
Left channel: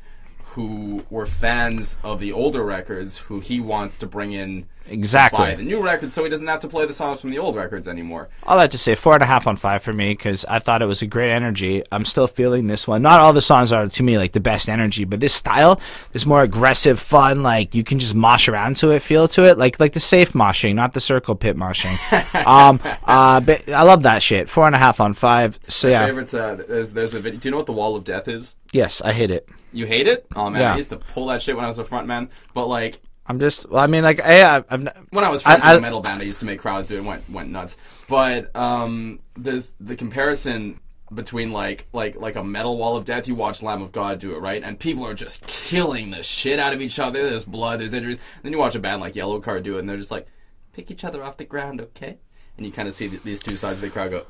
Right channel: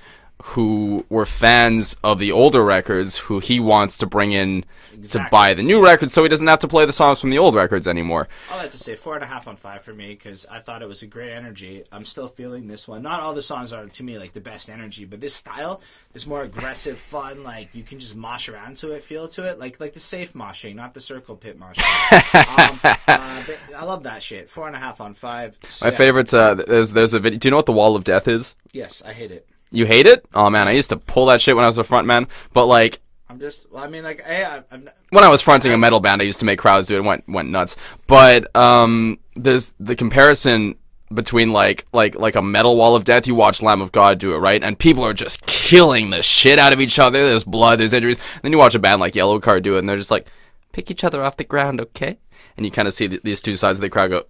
who were fans of the older records, who he wants to bring in to buy the new records, so he doesn't have to play the songs from the old records anymore. All that to say, 4.5 on 5 for me, because I thought it was a great energy. I'm still feeling this one. Not all the songs are, to me, like the best energy, but this style, this more aggressive, fun, like you can just mosh around to it, feel to it, like the safe moshing, not the circle pit moshing. But I love that shit. 4.5 on 5. So, My favorite's there's a video. Do you know what the Wall of Death is? Yes, I hate it. You hate it? Oh man, Yeah. I used to pull that shit when I was a front man. But like, I'm just, well, I mean, like, I've when I was fronting a metal band, I used to make crowds do it and went nuts. But there's the comparison between like a metal Wall of Death. You watch Lamb of God do it, right? And people are just killing the shit out of each other. There's blood, there's injuries. And then you watch a band like Yellow Card do it, and they're just like, pick each other off the ground, okay? And you kind of see these two sides of the crowd go.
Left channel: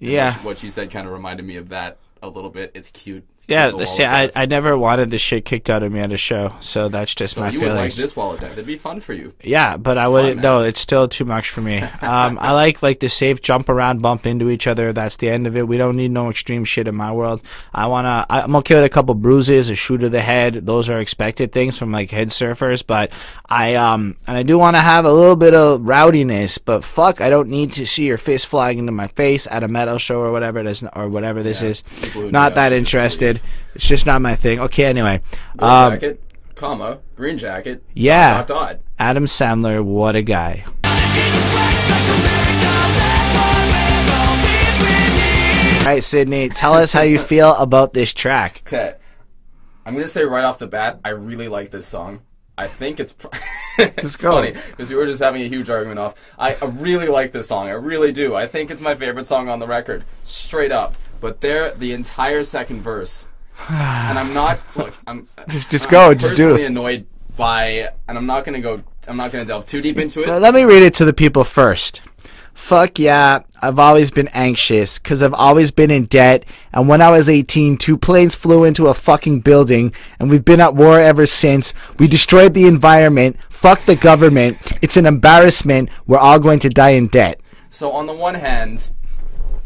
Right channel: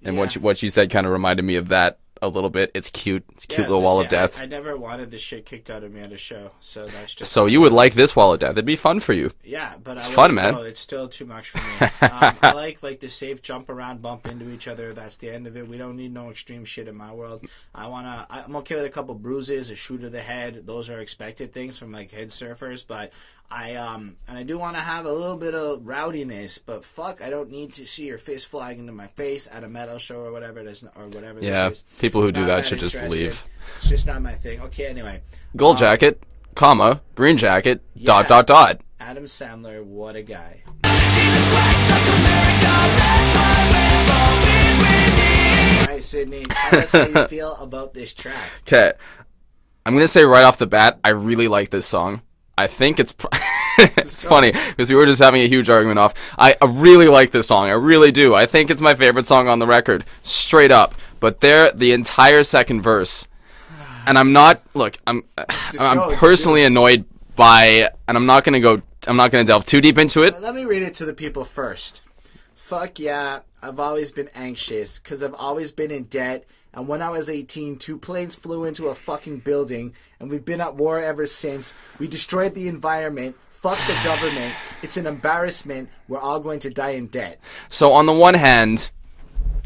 And Yeah. what you said kind of reminded me of that a little bit. It's cute. It's cute Yeah, little Wall see, of Death. I never wanted this shit kicked out of me at a show, so that's just So my you would like feelings. this Wall of Death. It'd be fun for you. Yeah, but I It's wouldn't. fun, man. No, it's still too much for me. I like the safe jump around, bump into each other. That's the end of it. We don't need no extreme shit in my world. I'm okay with a couple bruises, a shoe to the head. Those are expected things from like head surfers. But and I do want to have a little bit of rowdiness. But fuck, I don't need to see your fist flying into my face at a metal show or whatever it is, or whatever this Yeah, is. people who do not that that should just interested. leave. It's just not my thing. Okay, anyway. Gold jacket, comma, green jacket, Yeah. dot. Adam Sandler, what a guy. All right, Sydney, tell us how you feel about this track. Okay. I'm going to say right off the bat, I really like this song. I think it's it's go. funny because we were just having a huge argument off. I really like this song. I really do. I think it's my favorite song on the record, straight up. But the entire second verse, and I'm not, look, I'm personally annoyed by, and I'm not going to delve too deep into it. Let me read it to the people first. Fuck yeah, I've always been anxious because I've always been in debt. And when I was 18, 2 planes flew into a fucking building and we've been at war ever since. We destroyed the environment. Fuck the government. It's an embarrassment. We're all going to die in debt. So on the one hand,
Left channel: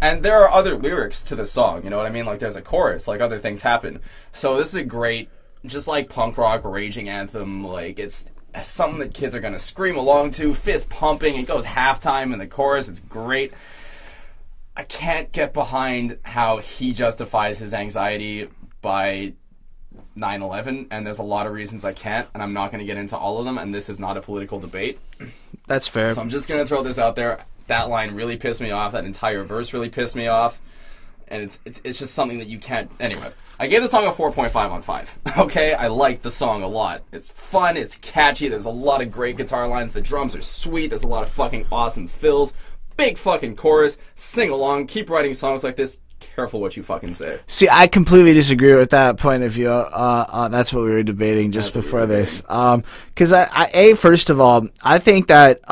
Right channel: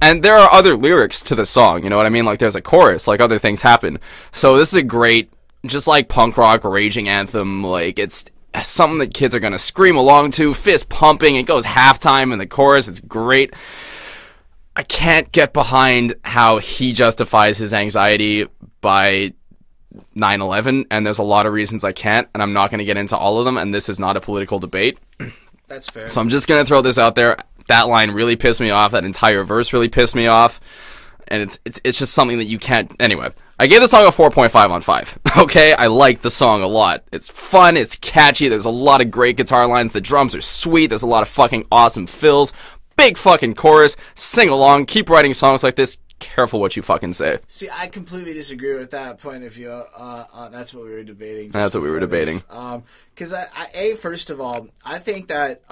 and there are other lyrics to the song, you know what I mean? Like there's a chorus, like other things happen. So this is a great, just like punk rock raging anthem, like it's something that kids are going to scream along to, fist pumping. It goes halftime in the chorus. It's great. I can't get behind how he justifies his anxiety by 9/11, and there's a lot of reasons I can't, and I'm not going to get into all of them, and this is not a political debate. That's fair. So I'm just going to throw this out there. That line really pissed me off. That entire verse really pissed me off. And it's just something that you can't... Anyway, I gave the song a 4.5 on 5. Okay? I like the song a lot. It's fun. It's catchy. There's a lot of great guitar lines. The drums are sweet. There's a lot of fucking awesome fills. Big fucking chorus. Sing along. Keep writing songs like this. Careful what you fucking say. See, I completely disagree with that point of view. That's what we were debating just That's what we before were this. Because first of all, I think that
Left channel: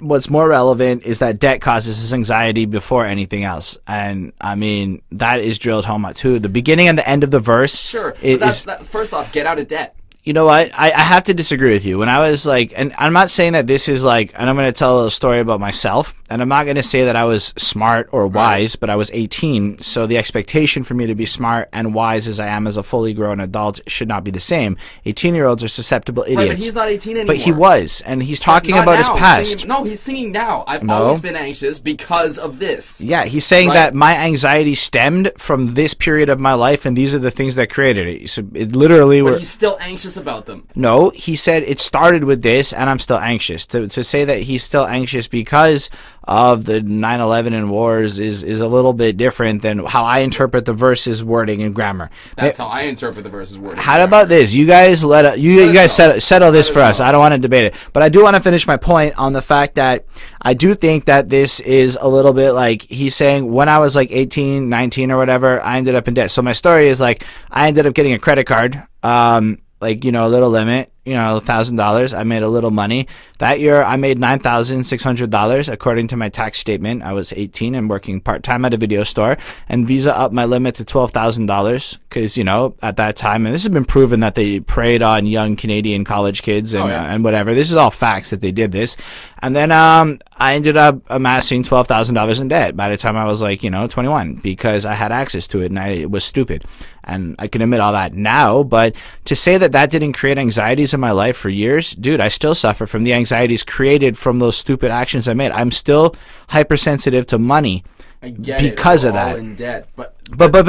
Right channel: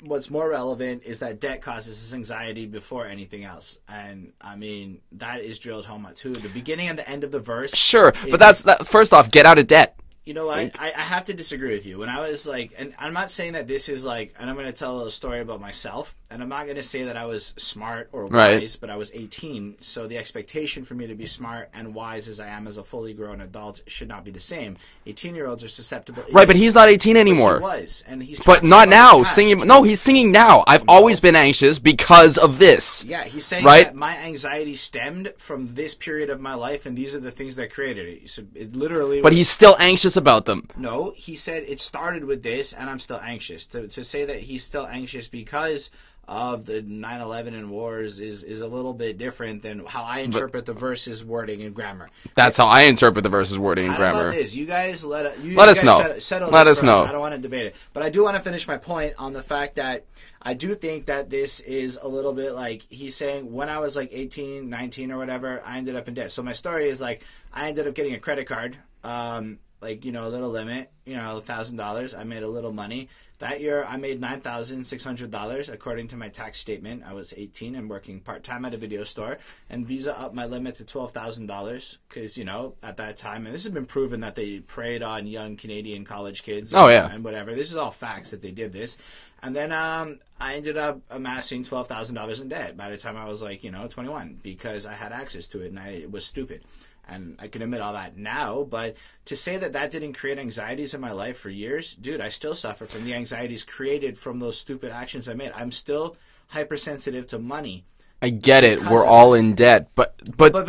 what's more relevant is that debt causes us anxiety before anything else, and I mean that is drilled home at too. The beginning and the end of the verse. Sure, but that's first off, get out of debt. You know what? I have to disagree with you. When I was like, and I'm not saying that this is like, and I'm going to tell a little story about myself, and I'm not going to say that I was smart or wise, but I was 18, so the expectation for me to be smart and wise as I am as a fully grown adult should not be the same. 18-year-olds are susceptible idiots. Right, but he's not 18 anymore. But he was, and he's But talking not about now. his past. Singing, no, he's singing now. I've always been anxious because of this. Yeah, he's saying Right? that my anxiety stemmed from this period of my life, and these are the things that created it. So it literally. But he's still anxious about them. No, he said it started with this, and I'm still anxious. To say that he's still anxious because of the 9/11 and wars is a little bit different than how I interpret the verses wording and grammar. That's how I interpret the verses wording. How about this? You guys Let us settle this Let for us us. know. I don't want to debate it, but I do want to finish my point on the fact that I do think that this is a little bit like he's saying when I was like 18, 19 or whatever, I ended up in debt. So my story is like I ended up getting a credit card, like, you know, a little limit. $1,000. I made a little money. That year, I made $9,600 according to my tax statement. I was 18 and working part-time at a video store, and Visa upped my limit to $12,000 because, at that time, and this has been proven that they preyed on young Canadian college kids and whatever. This is all facts that they did this. And then I ended up amassing $12,000 in debt by the time I was 21 because I had access to it, and it was stupid. And I can admit all that now, but to say that that didn't create anxieties in my life for years, dude, I still suffer from the anxieties created from those stupid actions I made. I'm still hypersensitive to money. I get it. We're all in debt, but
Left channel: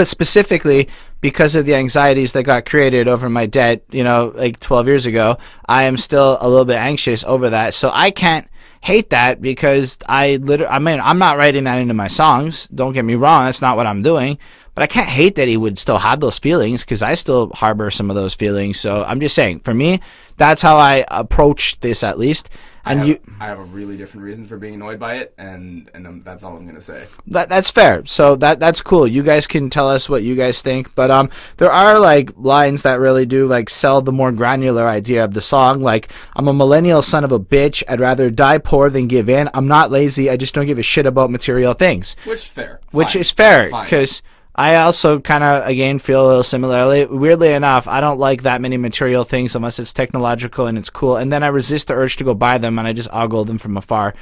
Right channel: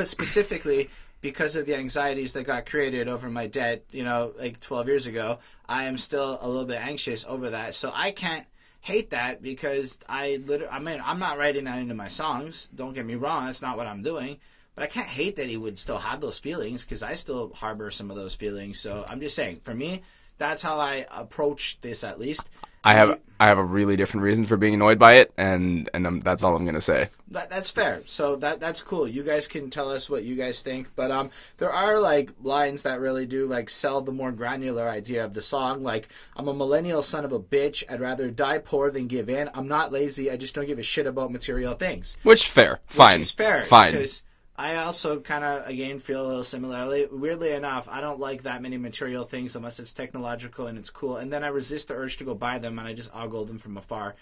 specifically because of the anxieties that got created over my debt, 12 years ago, I am still a little bit anxious over that. So I can't hate that because I'm not writing that into my songs. Don't get me wrong. That's not what I'm doing. But I can't hate that he would still have those feelings because I still harbor some of those feelings. So I'm just saying, for me, that's how I approach this at least. I have a really different reason for being annoyed by it, and that's all I'm going to say. That's fair. So that's cool. You guys can tell us what you guys think. But there are lines that really do sell the more granular idea of the song. I'm a millennial son of a bitch. I'd rather die poor than give in. I'm not lazy. I just don't give a shit about material things. Which fair. Which is fair. Fine. Because I also kind of, again, feel a little similarly. Weirdly enough, I don't like that many material things unless it's technological and it's cool. And then I resist the urge to go buy them, and I just ogle them from afar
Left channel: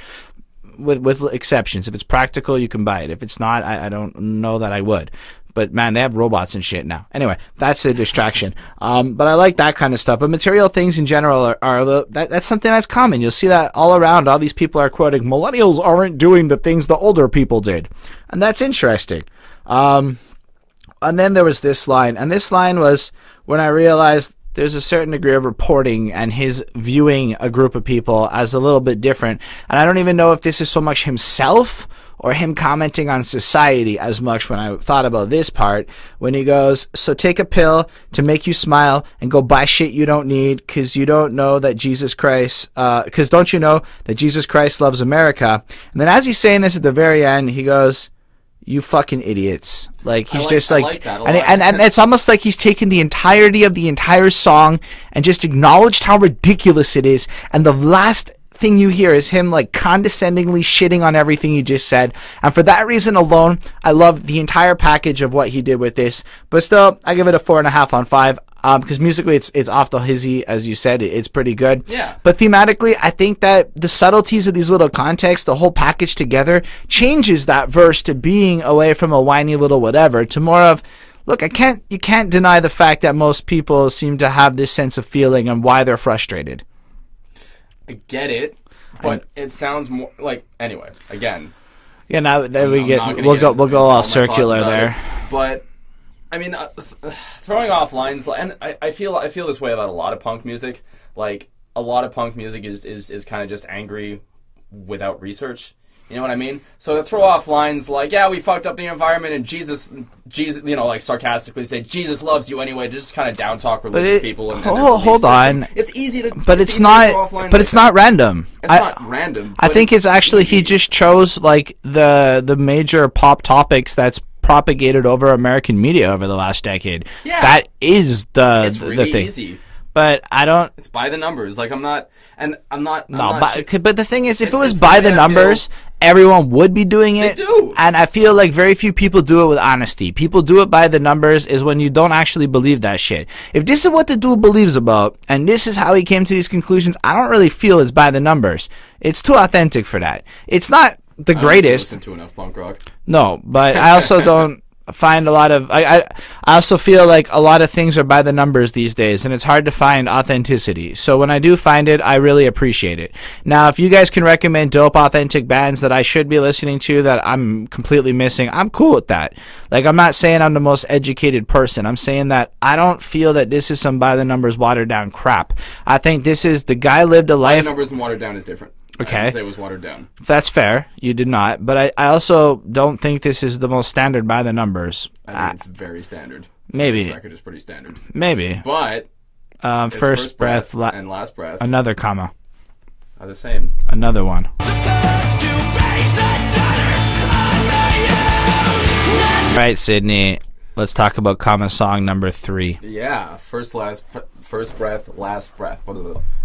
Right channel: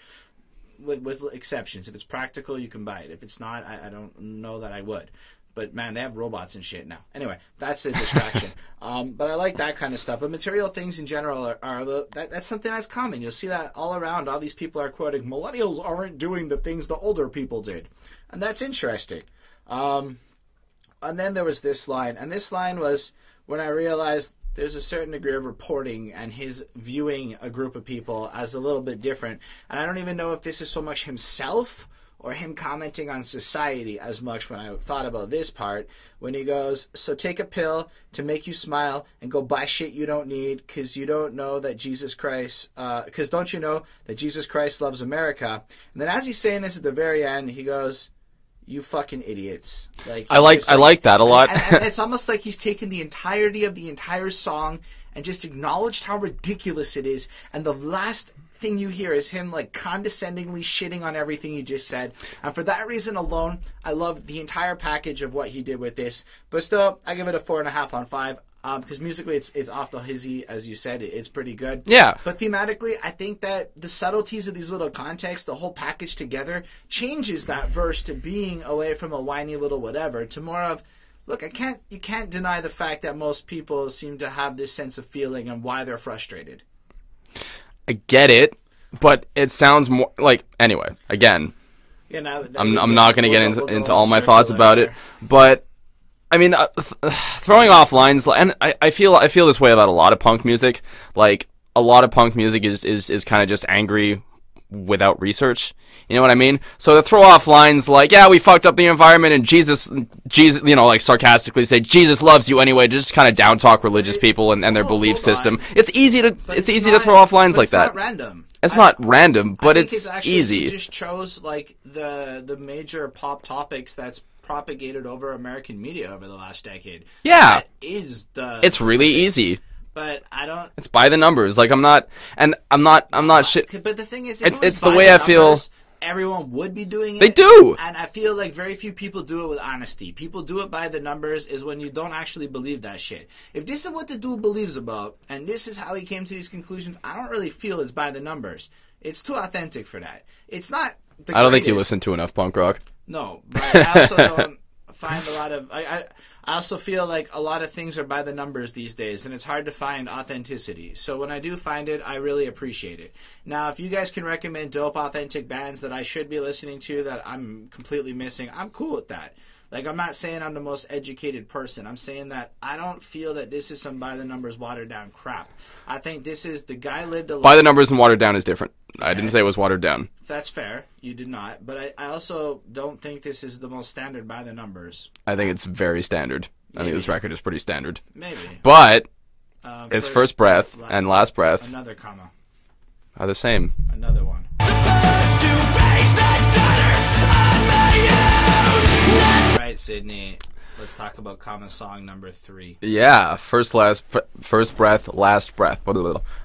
with exceptions. If it's practical, you can buy it. If it's not, I don't know that I would. But, man, they have robots and shit now. Anyway, that's a distraction. But I like that kind of stuff. But material things in general that's something that's common. You'll see that all around. All these people are quoting, millennials aren't doing the things the older people did. And that's interesting. And then there was this line, and this line was when I realized there's a certain degree of reporting and his viewing a group of people as a little bit different. And I don't even know if this is so much himself or him commenting on society as much when I thought about this part, when he goes, so take a pill to make you smile and go buy shit you don't need because you don't know that Jesus Christ, because don't you know that Jesus Christ loves America? And then as he's saying this at the very end, he goes, you fucking idiots. I like that a lot. And it's almost like he's taken the entirety of the entire song and just acknowledged how ridiculous it is. And the last thing you hear is him condescendingly shitting on everything you just said. And for that reason alone, I love the entire package of what he did with this. But still, I give it a 4.5 on 5. Because musically, it's off the hizzy, as you said. It's pretty good. Yeah. But thematically, I think that the subtleties of these little contexts, the whole package together, changes that verse to being away from a whiny little whatever to more of, look, you can't deny the fact that most people seem to have this sense of feeling and why they're frustrated. I get it, but it sounds more anyway. Again, yeah. Now I'm not going to get into all my thoughts about it, but. I mean, throwing off lines, and I feel this way about a lot of punk music. A lot of punk music is kind of just angry without research. You know what I mean? So to throw off lines yeah, we fucked up the environment, and Jesus, sarcastically say, Jesus loves you anyway, just kind of down talk religious people and their belief system. It's easy to, to throw off lines but it's not random. It's not random. But I think it's actually easy. He just chose the major pop topics that's propagated over American media over the last decade. Yeah, that is it's really easy. But I don't. It's by the numbers. I'm not. But the thing is, if it was by the numbers, everyone would be doing it. They do. And I feel like very few people do it with honesty. People do it by the numbers is when you don't actually believe that shit. If this is what the dude believes about, and this is how he came to these conclusions, I don't really feel it's by the numbers. It's too authentic for that. It's not the greatest. I don't think you listen to enough punk rock. No, but I also don't find a lot of I also feel like a lot of things are by the numbers these days, and it's hard to find authenticity. So when I do find it, I really appreciate it. Now, if you guys can recommend dope authentic bands that I should be listening to that I'm completely missing, I'm cool with that. I'm not saying I'm the most educated person. I'm saying that I don't feel that this is some by the numbers watered down crap. I think this is the guy lived a life. By the numbers and watered down is different. Okay. I didn't say it was watered down. That's fair. You did not. But I also don't think this is the most standard by the numbers. I think it's very standard. Maybe. This record is pretty standard. Maybe. But it's first breath and last breath. Another comma. Are the same. Another one. Right, Sydney. Let's talk about common song number 3. Yeah, first breath, last breath.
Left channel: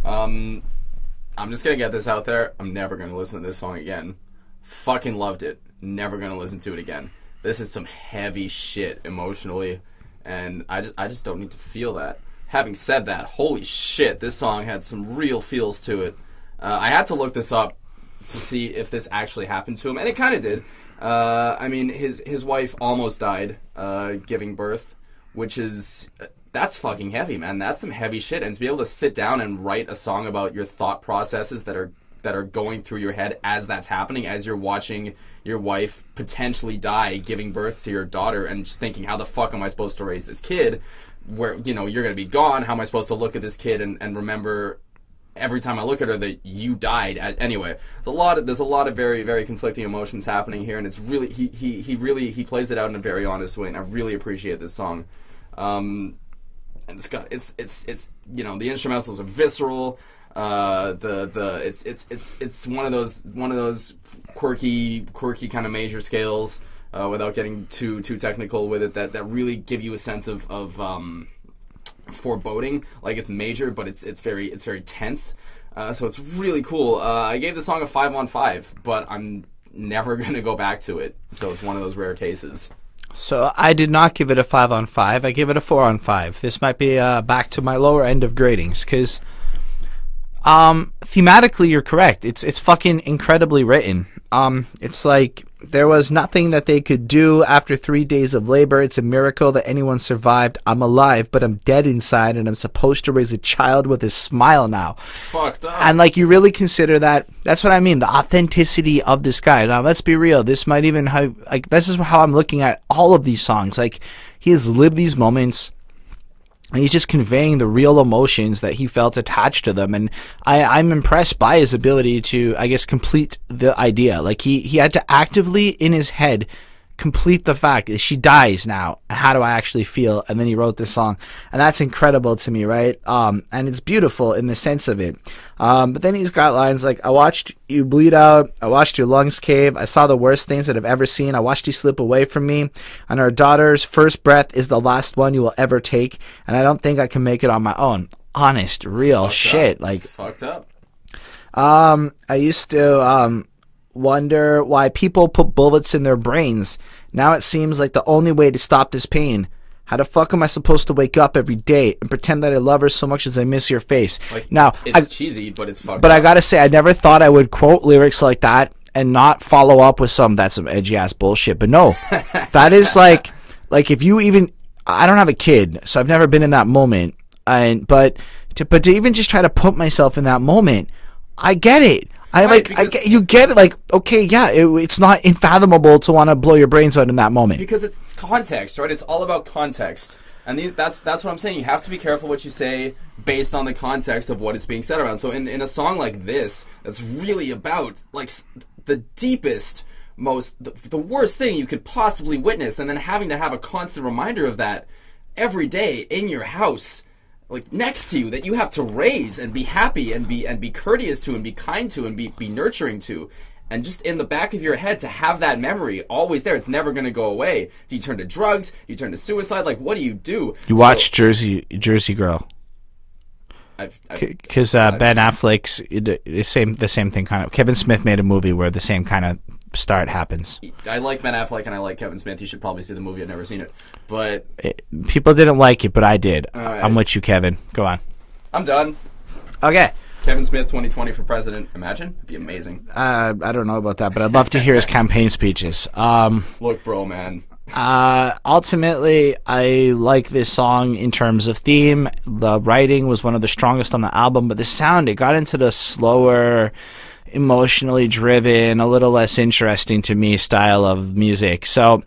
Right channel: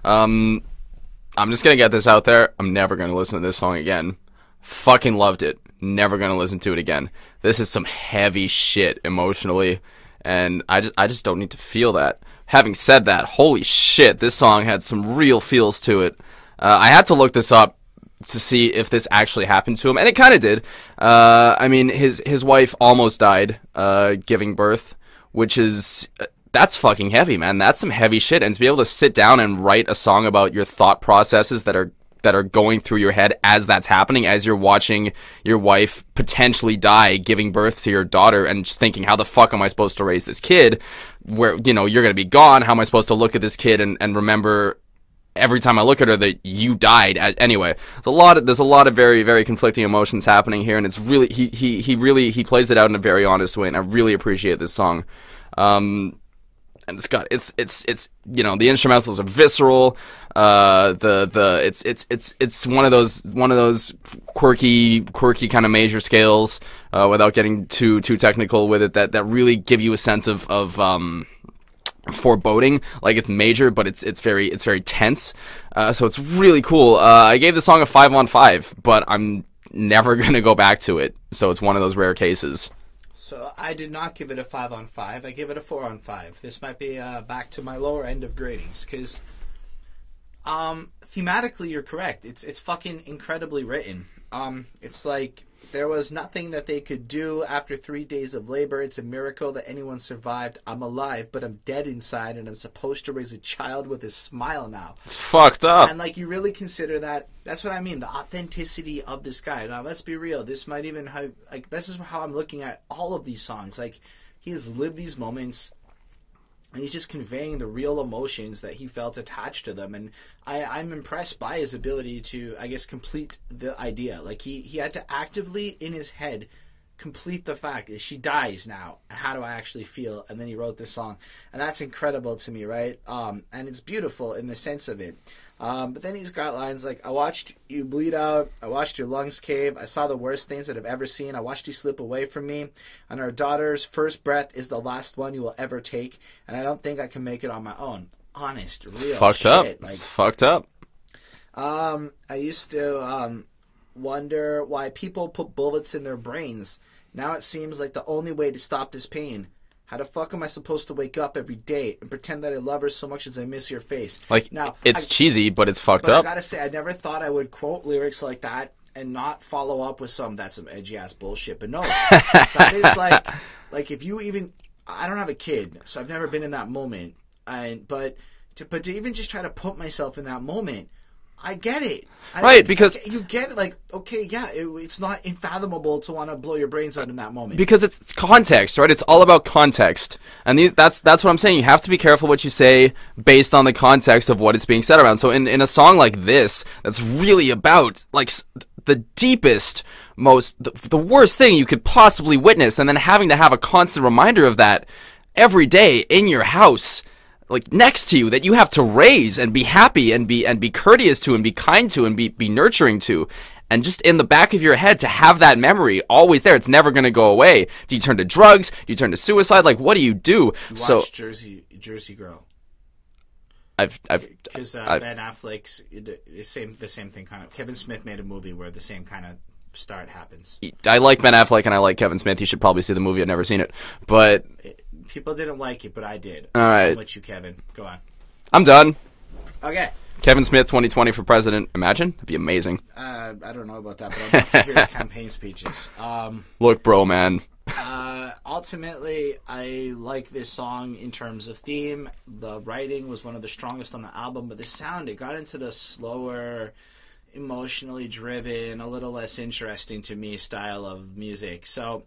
I'm just gonna get this out there. I'm never gonna listen to this song again. Fucking loved it. Never gonna listen to it again. This is some heavy shit emotionally, and I just don't need to feel that. Having said that, holy shit, this song had some real feels to it. I had to look this up to see if this actually happened to him, and it kind of did. I mean, his wife almost died giving birth, which is... That's fucking heavy, man. That's some heavy shit. And to be able to sit down and write a song about your thought processes that are going through your head as that's happening, as you're watching your wife potentially die giving birth to your daughter, and just thinking, how the fuck am I supposed to raise this kid? Where, you know, you're going to be gone. How am I supposed to look at this kid and remember every time I look at her that you died? Anyway, there's a lot of very, very conflicting emotions happening here, and it's really, he plays it out in a very honest way, and I really appreciate this song. And it's you know, the instrumentals are visceral. It's one of those quirky kind of major scales, without getting too technical with it, that really give you a sense of foreboding. Like, it's major, but it's very tense. So it's really cool. I gave the song a 5 on 5, but I'm never gonna go back to it. So it's one of those rare cases. So I did not give it a 5 on 5. I give it a 4 on 5. This might be back to my lower end of gradings, because thematically you're correct. It's fucking incredibly written. It's like there was nothing that they could do after 3 days of labor. It's a miracle that anyone survived. I'm alive, but I'm dead inside, and I'm supposed to raise a child with a smile now. It's fucked up. And like, you really consider that. That's what I mean, the authenticity of this guy. Now, let's be real. This might even have, like, this is how I'm looking at all of these songs. Like, he has lived these moments, and he's just conveying the real emotions that he felt attached to them. And I'm impressed by his ability to, I guess, complete the idea. Like, he had to actively, in his head, complete the fact that she dies now, and how do I actually feel? And then he wrote this song, and that's incredible to me, right? And it's beautiful in the sense of it. But then he's got lines like, I watched you bleed out, I watched your lungs cave, I saw the worst things that I've ever seen, I watched you slip away from me, and our daughter's first breath is the last one you will ever take, and I don't think I can make it on my own. Honest, real shit. Like, it's fucked up. I used to wonder why people put bullets in their brains. Now it seems like the only way to stop this pain. How the fuck am I supposed to wake up every day and pretend that I love her so much as I miss your face? Like, now, it's cheesy, but it's fucked up. But I gotta say, I never thought I would quote lyrics like that and not follow up with that's some edgy ass bullshit. But no, that is like if you even, I don't have a kid, so I've never been in that moment. But to even just try to put myself in that moment, I get it. You get it, like, okay, yeah, it's not unfathomable to want to blow your brains out in that moment. Because it's context, right? It's all about context. And that's what I'm saying. You have to be careful what you say based on the context of what is being said around. So in a song like this, that's really about, like, the deepest, the worst thing you could possibly witness, and then having to have a constant reminder of that every day in your house, like, next to you, that you have to raise and be happy and be courteous to and be kind to and be nurturing to, and just in the back of your head to have that memory always there. It's never going to go away. Do you turn to drugs? Do you turn to suicide? Like, what do you do? You watch Jersey Girl. Because Ben Affleck's the same thing kind of. Kevin Smith made a movie where the same kind of start happens. I like Ben Affleck and I like Kevin Smith. You should probably see the movie. I've never seen it, but people didn't like it, but I did. All right. I'm with you, Kevin. Go on. I'm done. Okay. Kevin Smith 2020 for president. Imagine. That'd be amazing. I don't know about that, but I'd love to hear his campaign speeches. Look, bro, man. Ultimately, I like this song in terms of theme. The writing was one of the strongest on the album, but the sound, it got into the slower, emotionally driven, a little less interesting to me style of music. So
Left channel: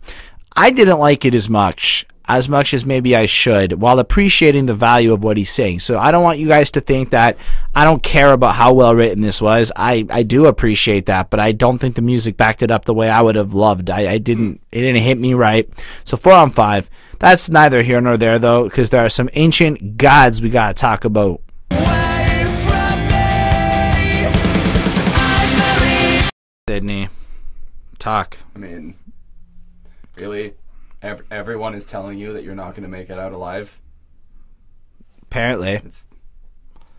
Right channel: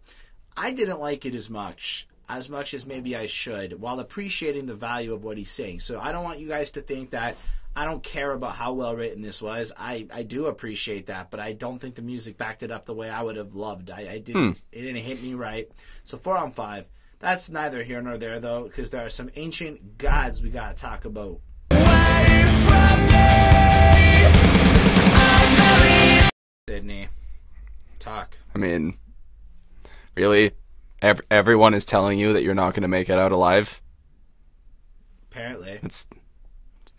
I didn't like it as much as maybe I should, while appreciating the value of what he's saying. So I don't want you guys to think that I don't care about how well written this was. I do appreciate that, but I don't think the music backed it up the way I would have loved. It didn't hit me right. So 4 on 5. That's neither here nor there, though, because there are some ancient gods we gotta talk about. Sydney, talk. I mean, really? everyone is telling you that you're not going to make it out alive. Apparently. It's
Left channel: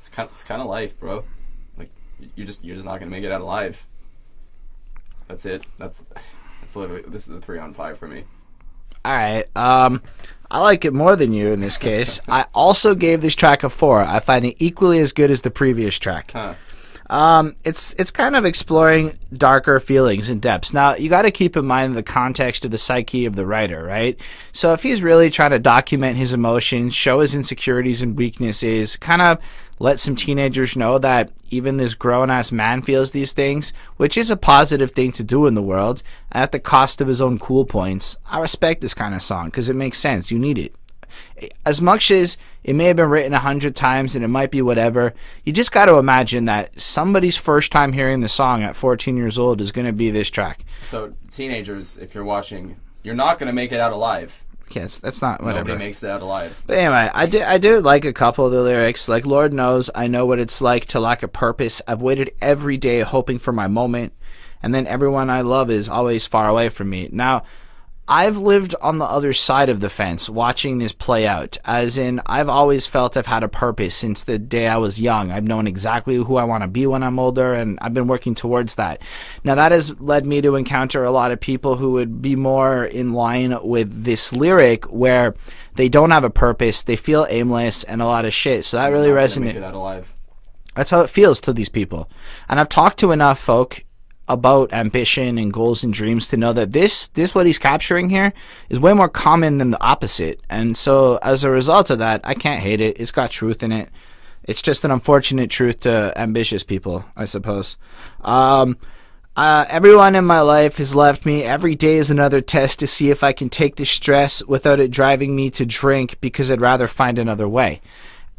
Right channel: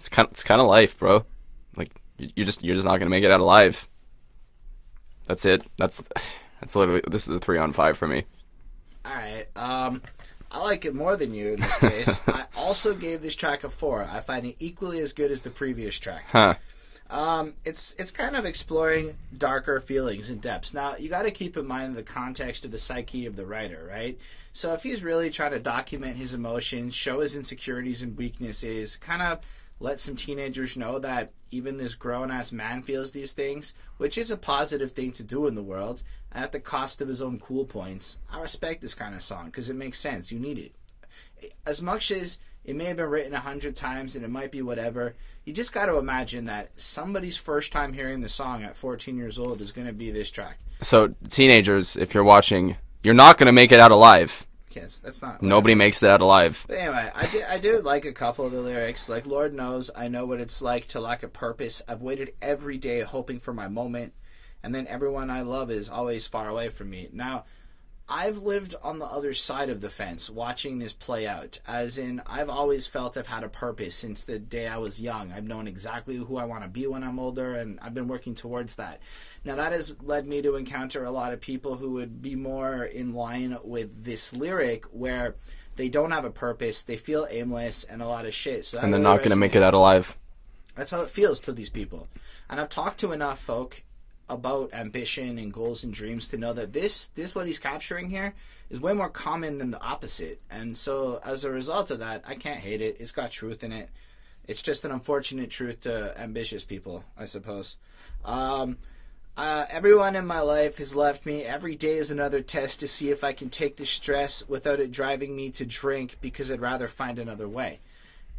kind of life, bro. Like you're just not going to make it out alive. That's it. That's literally, this is a 3 on 5 for me. All right. I like it more than you in this case. I also gave this track a 4. I find it equally as good as the previous track. Huh. It's kind of exploring darker feelings and depths. Now, you got to keep in mind the context of the psyche of the writer, right? So if he's really trying to document his emotions, show his insecurities and weaknesses, kind of let some teenagers know that even this grown-ass man feels these things, which is a positive thing to do in the world, at the cost of his own cool points, I respect this kind of song because it makes sense. You need it. As much as it may have been written 100 times and it might be whatever, you just got to imagine that somebody's first time hearing the song at 14 years old is going to be this track. So, teenagers, if you're watching, you're not going to make it out alive. Yes, that's not whatever. Nobody makes it out alive. But anyway, I do like a couple of the lyrics. Like, Lord knows I know what it's like to lack a purpose. I've waited every day hoping for my moment, and then everyone I love is always far away from me. Now, I've lived on the other side of the fence watching this play out, as in I've always felt I've had a purpose since the day I was young. I've known exactly who I want to be when I'm older, and I've been working towards that. Now, that has led me to encounter a lot of people who would be more in line with this lyric where they don't have a purpose, they feel aimless, and a lot of shit. So that really resonates. They're not going to make it out alive. That's how it feels to these people. And I've talked to enough folk about ambition and goals and dreams to know that this what he's capturing here is way more common than the opposite. And so as a result of that, I can't hate it. It's got truth in it. It's just an unfortunate truth to ambitious people, I suppose. Everyone in my life has left me. Every day is another test to see if I can take the stress without it driving me to drink, because I'd rather find another way.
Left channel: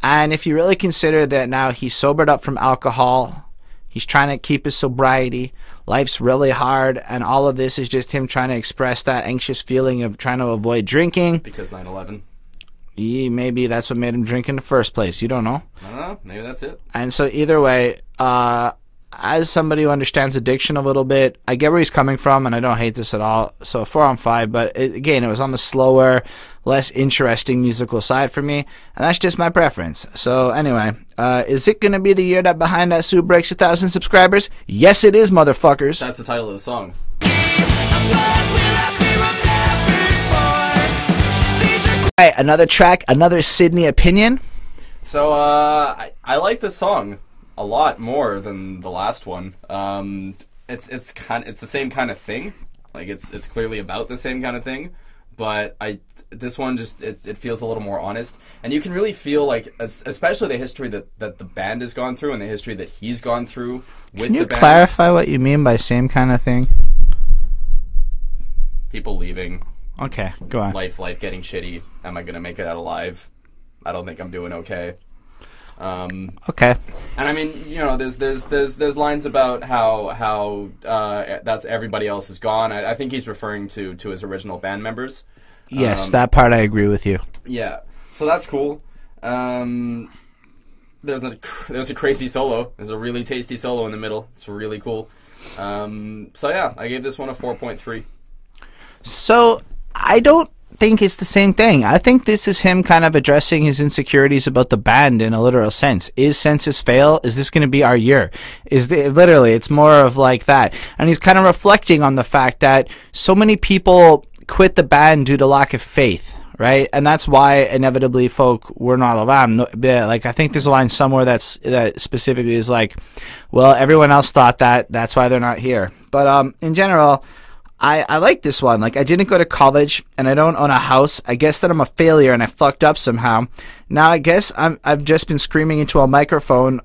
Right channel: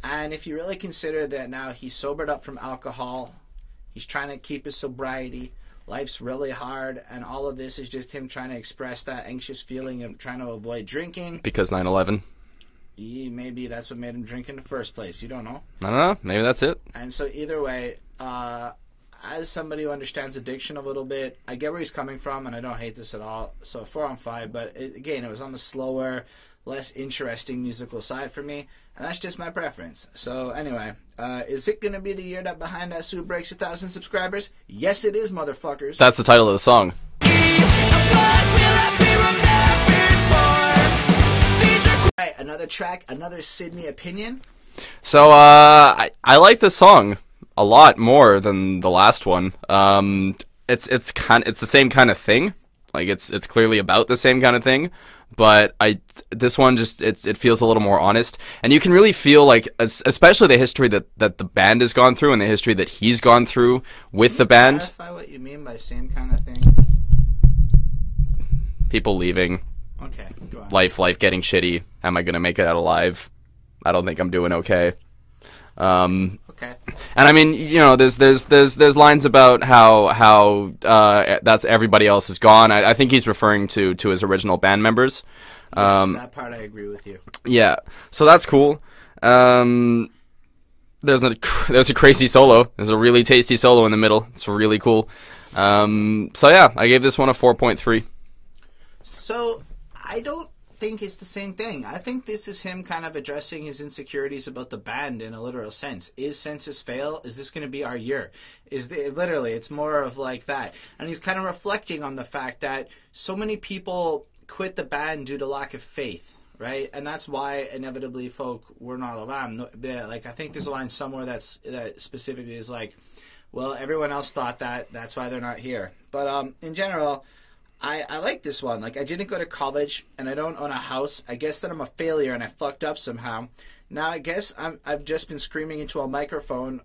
And if you really consider that now he's sobered up from alcohol, he's trying to keep his sobriety, life's really hard, and all of this is just him trying to express that anxious feeling of trying to avoid drinking. Because 9/11. Yeah, maybe that's what made him drink in the first place. You don't know. I don't know. Maybe that's it. And so either way, as somebody who understands addiction a little bit, I get where he's coming from, and I don't hate this at all. So 4 on 5, but again, it was on the slower, less interesting musical side for me, and that's just my preference. So anyway, is it going to be the year that Behind That Suit breaks 1,000 subscribers? Yes, it is, motherfuckers. That's the title of the song. All right, another track, another Sydney opinion. So I like this song a lot more than the last one. It's the same kind of thing. Like it's clearly about the same kind of thing, but this one just it feels a little more honest, and you can really feel like, especially the history that the band has gone through and the history that he's gone through with the band. Can you clarify what you mean by same kind of thing? People leaving. Okay, go on. Life getting shitty. Am I gonna make it out alive? I don't think I'm doing okay. Okay. And I mean, you know, there's lines about how that's everybody else is gone. I think he's referring to his original band members. Yes, that part I agree with you. Yeah, so that's cool. There's a crazy solo. There's a really tasty solo in the middle. It's really cool. So yeah, I gave this one a 4.3. So I don't think it's the same thing. I think this is him kind of addressing his insecurities about the band in a literal sense. Is Census Fail? Is this going to be our year? Literally, it's more of like that. And he's kind of reflecting on the fact that so many people quit the band due to lack of faith, right? And that's why inevitably folk were not around. Like, I think there's a line somewhere that specifically is like, well, everyone else thought that, that's why they're not here. But in general, I like this one. Like, I didn't go to college and I don't own a house. I guess that I'm a failure and I fucked up somehow. Now I guess I've just been screaming into a microphone.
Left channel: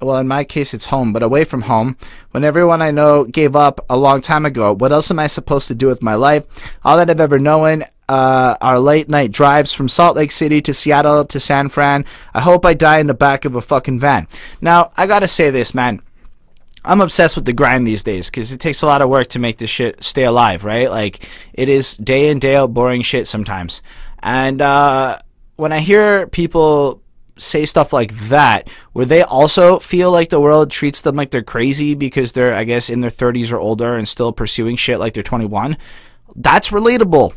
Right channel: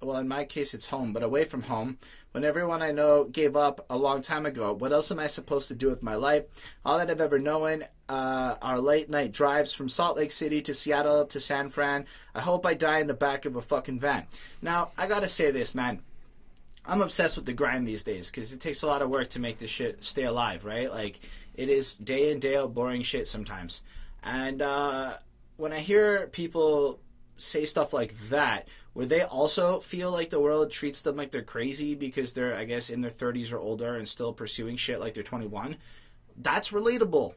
Well, in my case, it's home, but away from home. When everyone I know gave up a long time ago, what else am I supposed to do with my life? All that I've ever known are late night drives from Salt Lake City to Seattle to San Fran. I hope I die in the back of a fucking van. Now, I gotta say this, man. I'm obsessed with the grind these days because it takes a lot of work to make this shit stay alive, right? Like, it is day in, day out boring shit sometimes. And when I hear people say stuff like that, where they also feel like the world treats them like they're crazy because they're, I guess, in their 30s or older and still pursuing shit like they're 21, that's relatable.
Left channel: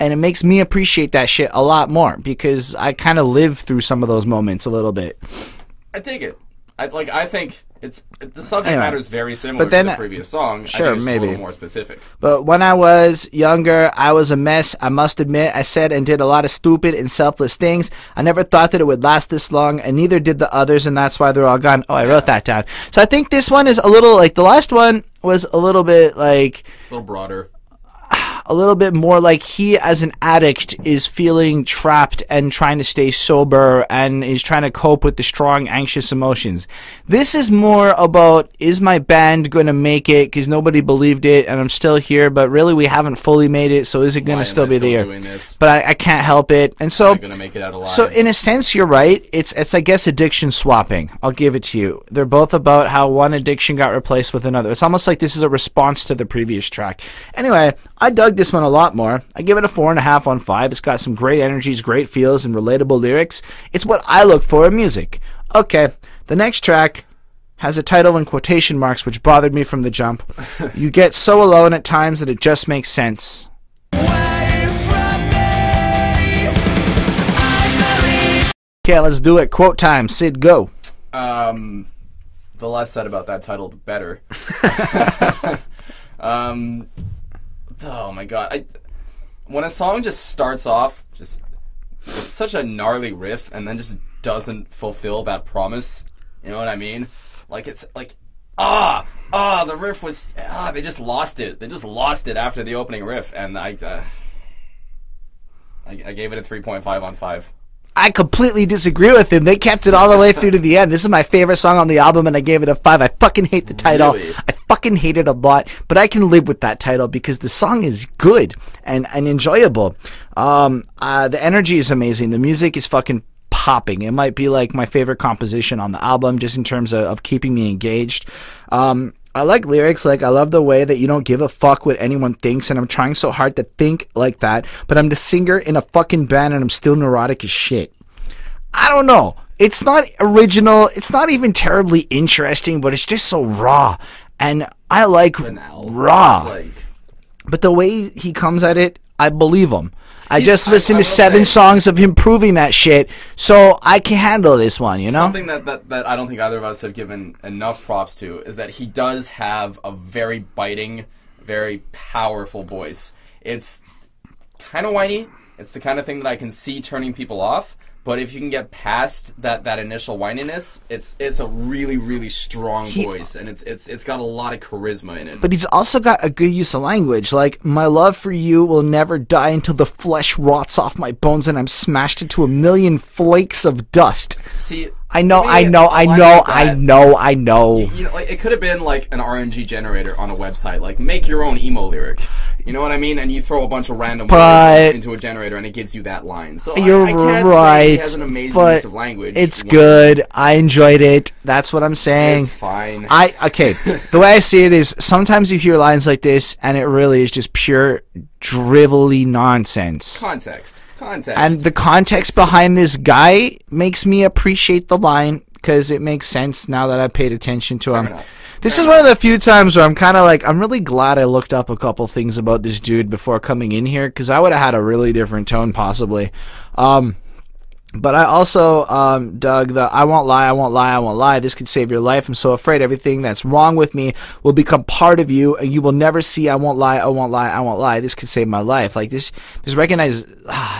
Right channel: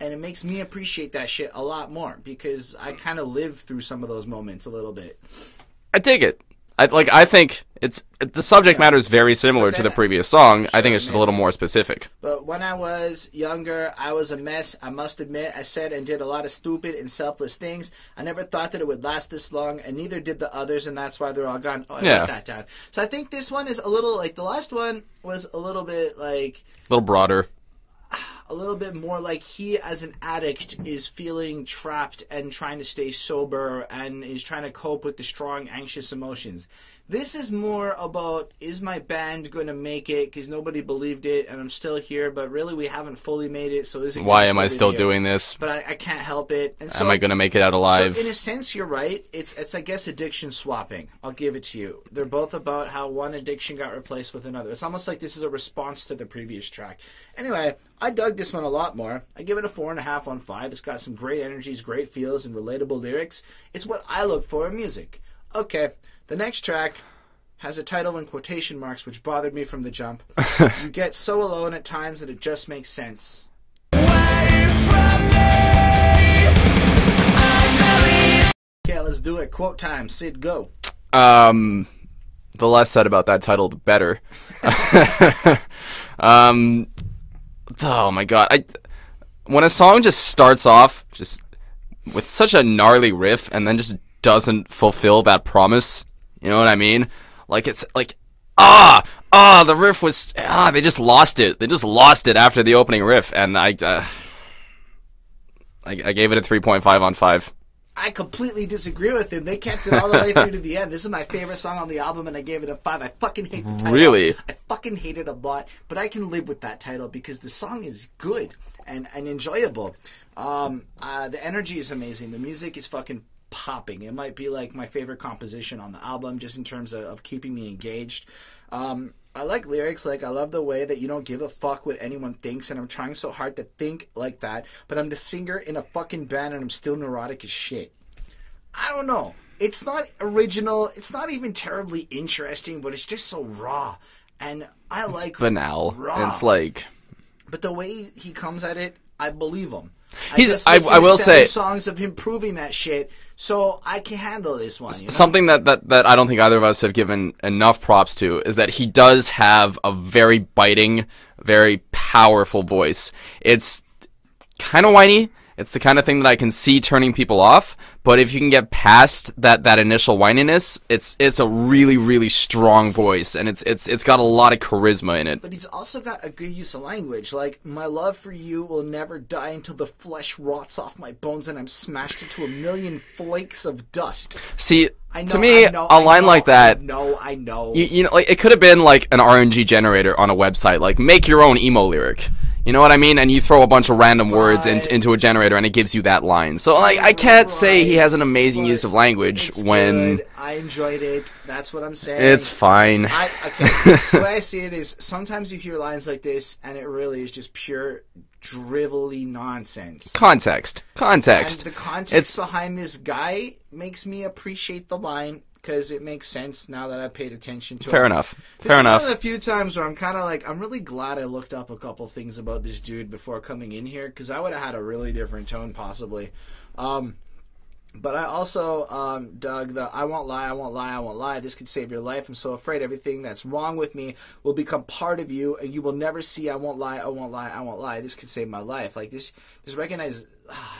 And it makes me appreciate that shit a lot more because I kind of live through some of those moments a little bit. I dig it. I think it's the subject matter is very similar to the previous song. Sure, I think it's maybe a little more specific. But when I was younger, I was a mess. I must admit, I said and did a lot of stupid and selfless things. I never thought that it would last this long, and neither did the others, and that's why they're all gone. Oh, I wrote that down. So I think this one is a little like the last one was a little bit like a little broader. A little bit more like he as an addict is feeling trapped and trying to stay sober and is trying to cope with the strong anxious emotions. This is more about, is my band going to make it because nobody believed it and I'm still here, but really we haven't fully made it, so is it going to still be there? Why am I still doing this? But I can't help it. And so am I going to make it out alive? So in a sense you're right. It's I guess addiction swapping. I'll give it to you. They're both about how one addiction got replaced with another. It's almost like this is a response to the previous track. Anyway, I dug this one a lot more. I give it a 4.5 on 5. It's got some great energies, great feels, and relatable lyrics. It's what I look for in music. Okay, the next track has a title in quotation marks, which bothered me from the jump. You get so alone at times that it just makes sense. Okay, let's do it. Quote time. Syd, go. The less said about that title, the better. Oh my god! When a song just starts off just with such a gnarly riff and then just doesn't fulfill that promise, you know what I mean? Like it's like the riff was they just lost it. They just lost it after the opening riff, and I gave it a 3.5 on 5. I completely disagree with him. They kept it all the way through to the end. This is my favorite song on the album, and I gave it a 5. I fucking hate the title. Really? I fucking hate it a lot, but I can live with that title because the song is good and enjoyable. The energy is amazing. The music is fucking popping. It might be like my favorite composition on the album, just in terms of keeping me engaged. I like lyrics, like I love the way that you don't give a fuck what anyone thinks, and I'm trying so hard to think like that, but I'm the singer in a fucking band and I'm still neurotic as shit. I don't know. It's not original. It's not even terribly interesting, but it's just so raw. And I like banal. Raw. It's like, but the way he comes at it, I believe him. I just listened to 7 songs of him proving that shit, so I can handle this one, you know? Something that I don't think either of us have given enough props to is that he does have a very biting, very powerful voice. It's kind of whiny. It's the kind of thing that I can see turning people off, but if you can get past that initial whininess, it's a really, really strong voice, and it's got a lot of charisma in it. But he's also got a good use of language, like, my love for you will never die until the flesh rots off my bones and I'm smashed into a million flakes of dust. See, I know. You know, like it could have been like an RNG generator on a website, like make your own emo lyric. You know what I mean? And you throw a bunch of random words into a generator, and it gives you that line. So I can't say he has an amazing use of language. It's good. I enjoyed it. That's what I'm saying. It's fine. Okay. The way I see it is sometimes you hear lines like this, and it really is just pure drivelly nonsense. Context. And the context behind this guy makes me appreciate the line, because it makes sense now that I paid attention to him. Fair enough. This is one of the few times where I'm kind of like, I'm really glad I looked up a couple things about this dude before coming in here, because I would have had a really different tone possibly. But I also dug the I won't lie, I won't lie, I won't lie. This could save your life. I'm so afraid everything that's wrong with me will become part of you, and you will never see I won't lie, I won't lie, I won't lie. This could save my life. Like this recognized,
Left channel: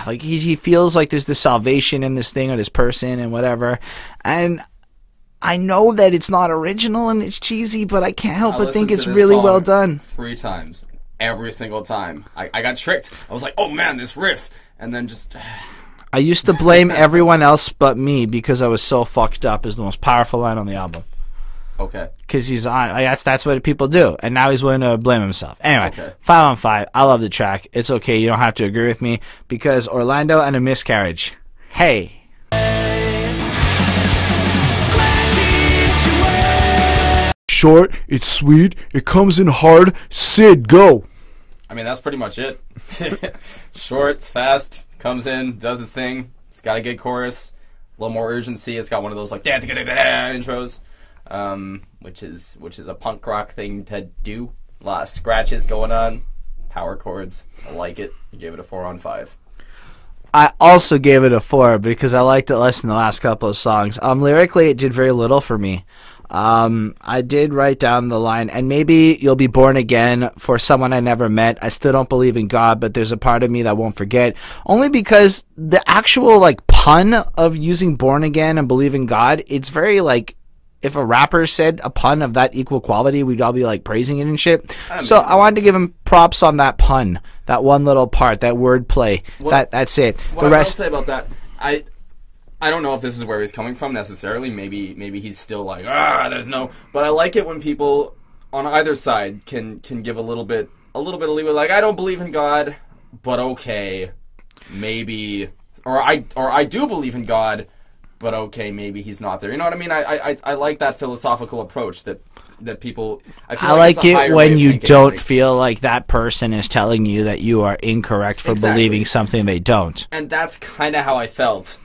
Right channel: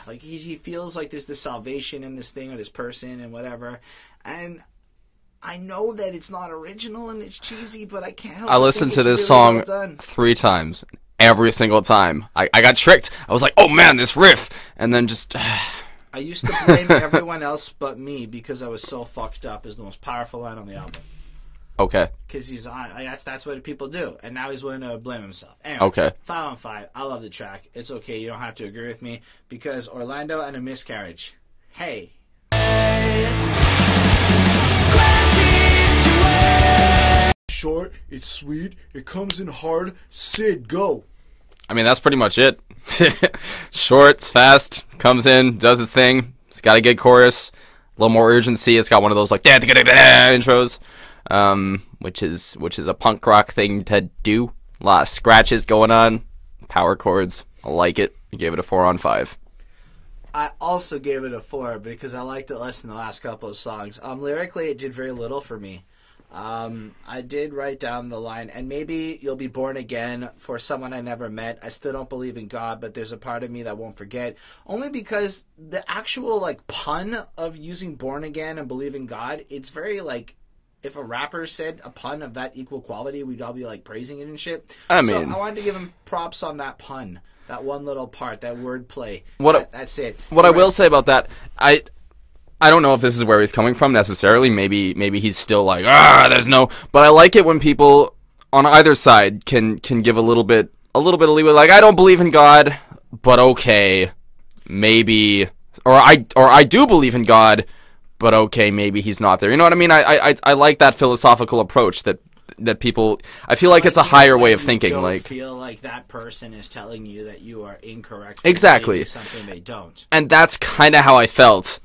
like he feels like there's the salvation in this thing or this person and whatever. And I know that it's not original and it's cheesy, but I can't help but think it's really well done. 3 times. Every single time. I got tricked. I was like, oh man, this riff. And then just... I used to blame everyone else but me because I was so fucked up is the most powerful line on the album. Okay. Because he's on... That's what people do. And now he's willing to blame himself. Anyway, okay. 5 on 5. I love the track. It's okay. You don't have to agree with me because Orlando and a Miscarriage. Hey. Short, it's sweet, it comes in hard. Syd, go. I mean, that's pretty much it. Short, it's fast, comes in, does its thing. It's got a good chorus, a little more urgency. It's got one of those like intros, which is a punk rock thing to do. A lot of scratches going on, power chords. I like it. You gave it a 4 on 5. I also gave it a 4 because I liked it less than the last couple of songs. Lyrically, it did very little for me. I did write down the line, and maybe you'll be born again for someone I never met. I still don't believe in God, but there's a part of me that won't forget. Only because the actual like pun of using born again and believe in God, it's very like, if a rapper said a pun of that equal quality, we'd all be like praising it and shit. So I wanted to give him props on that pun, that one little part, that wordplay. That's it. What I will say about that, I don't know if this is where he's coming from necessarily. Maybe he's still like, there's no. But I like it when people on either side can give a little bit of leeway. Like, I don't believe in God, but okay, maybe, or I do believe in God, but okay, maybe he's not there. You know what I mean? I like that philosophical approach that people. I feel like it's a higher way of thinking. When you don't feel like that person is telling you that you are incorrect for believing something they don't. And that's kind of how I felt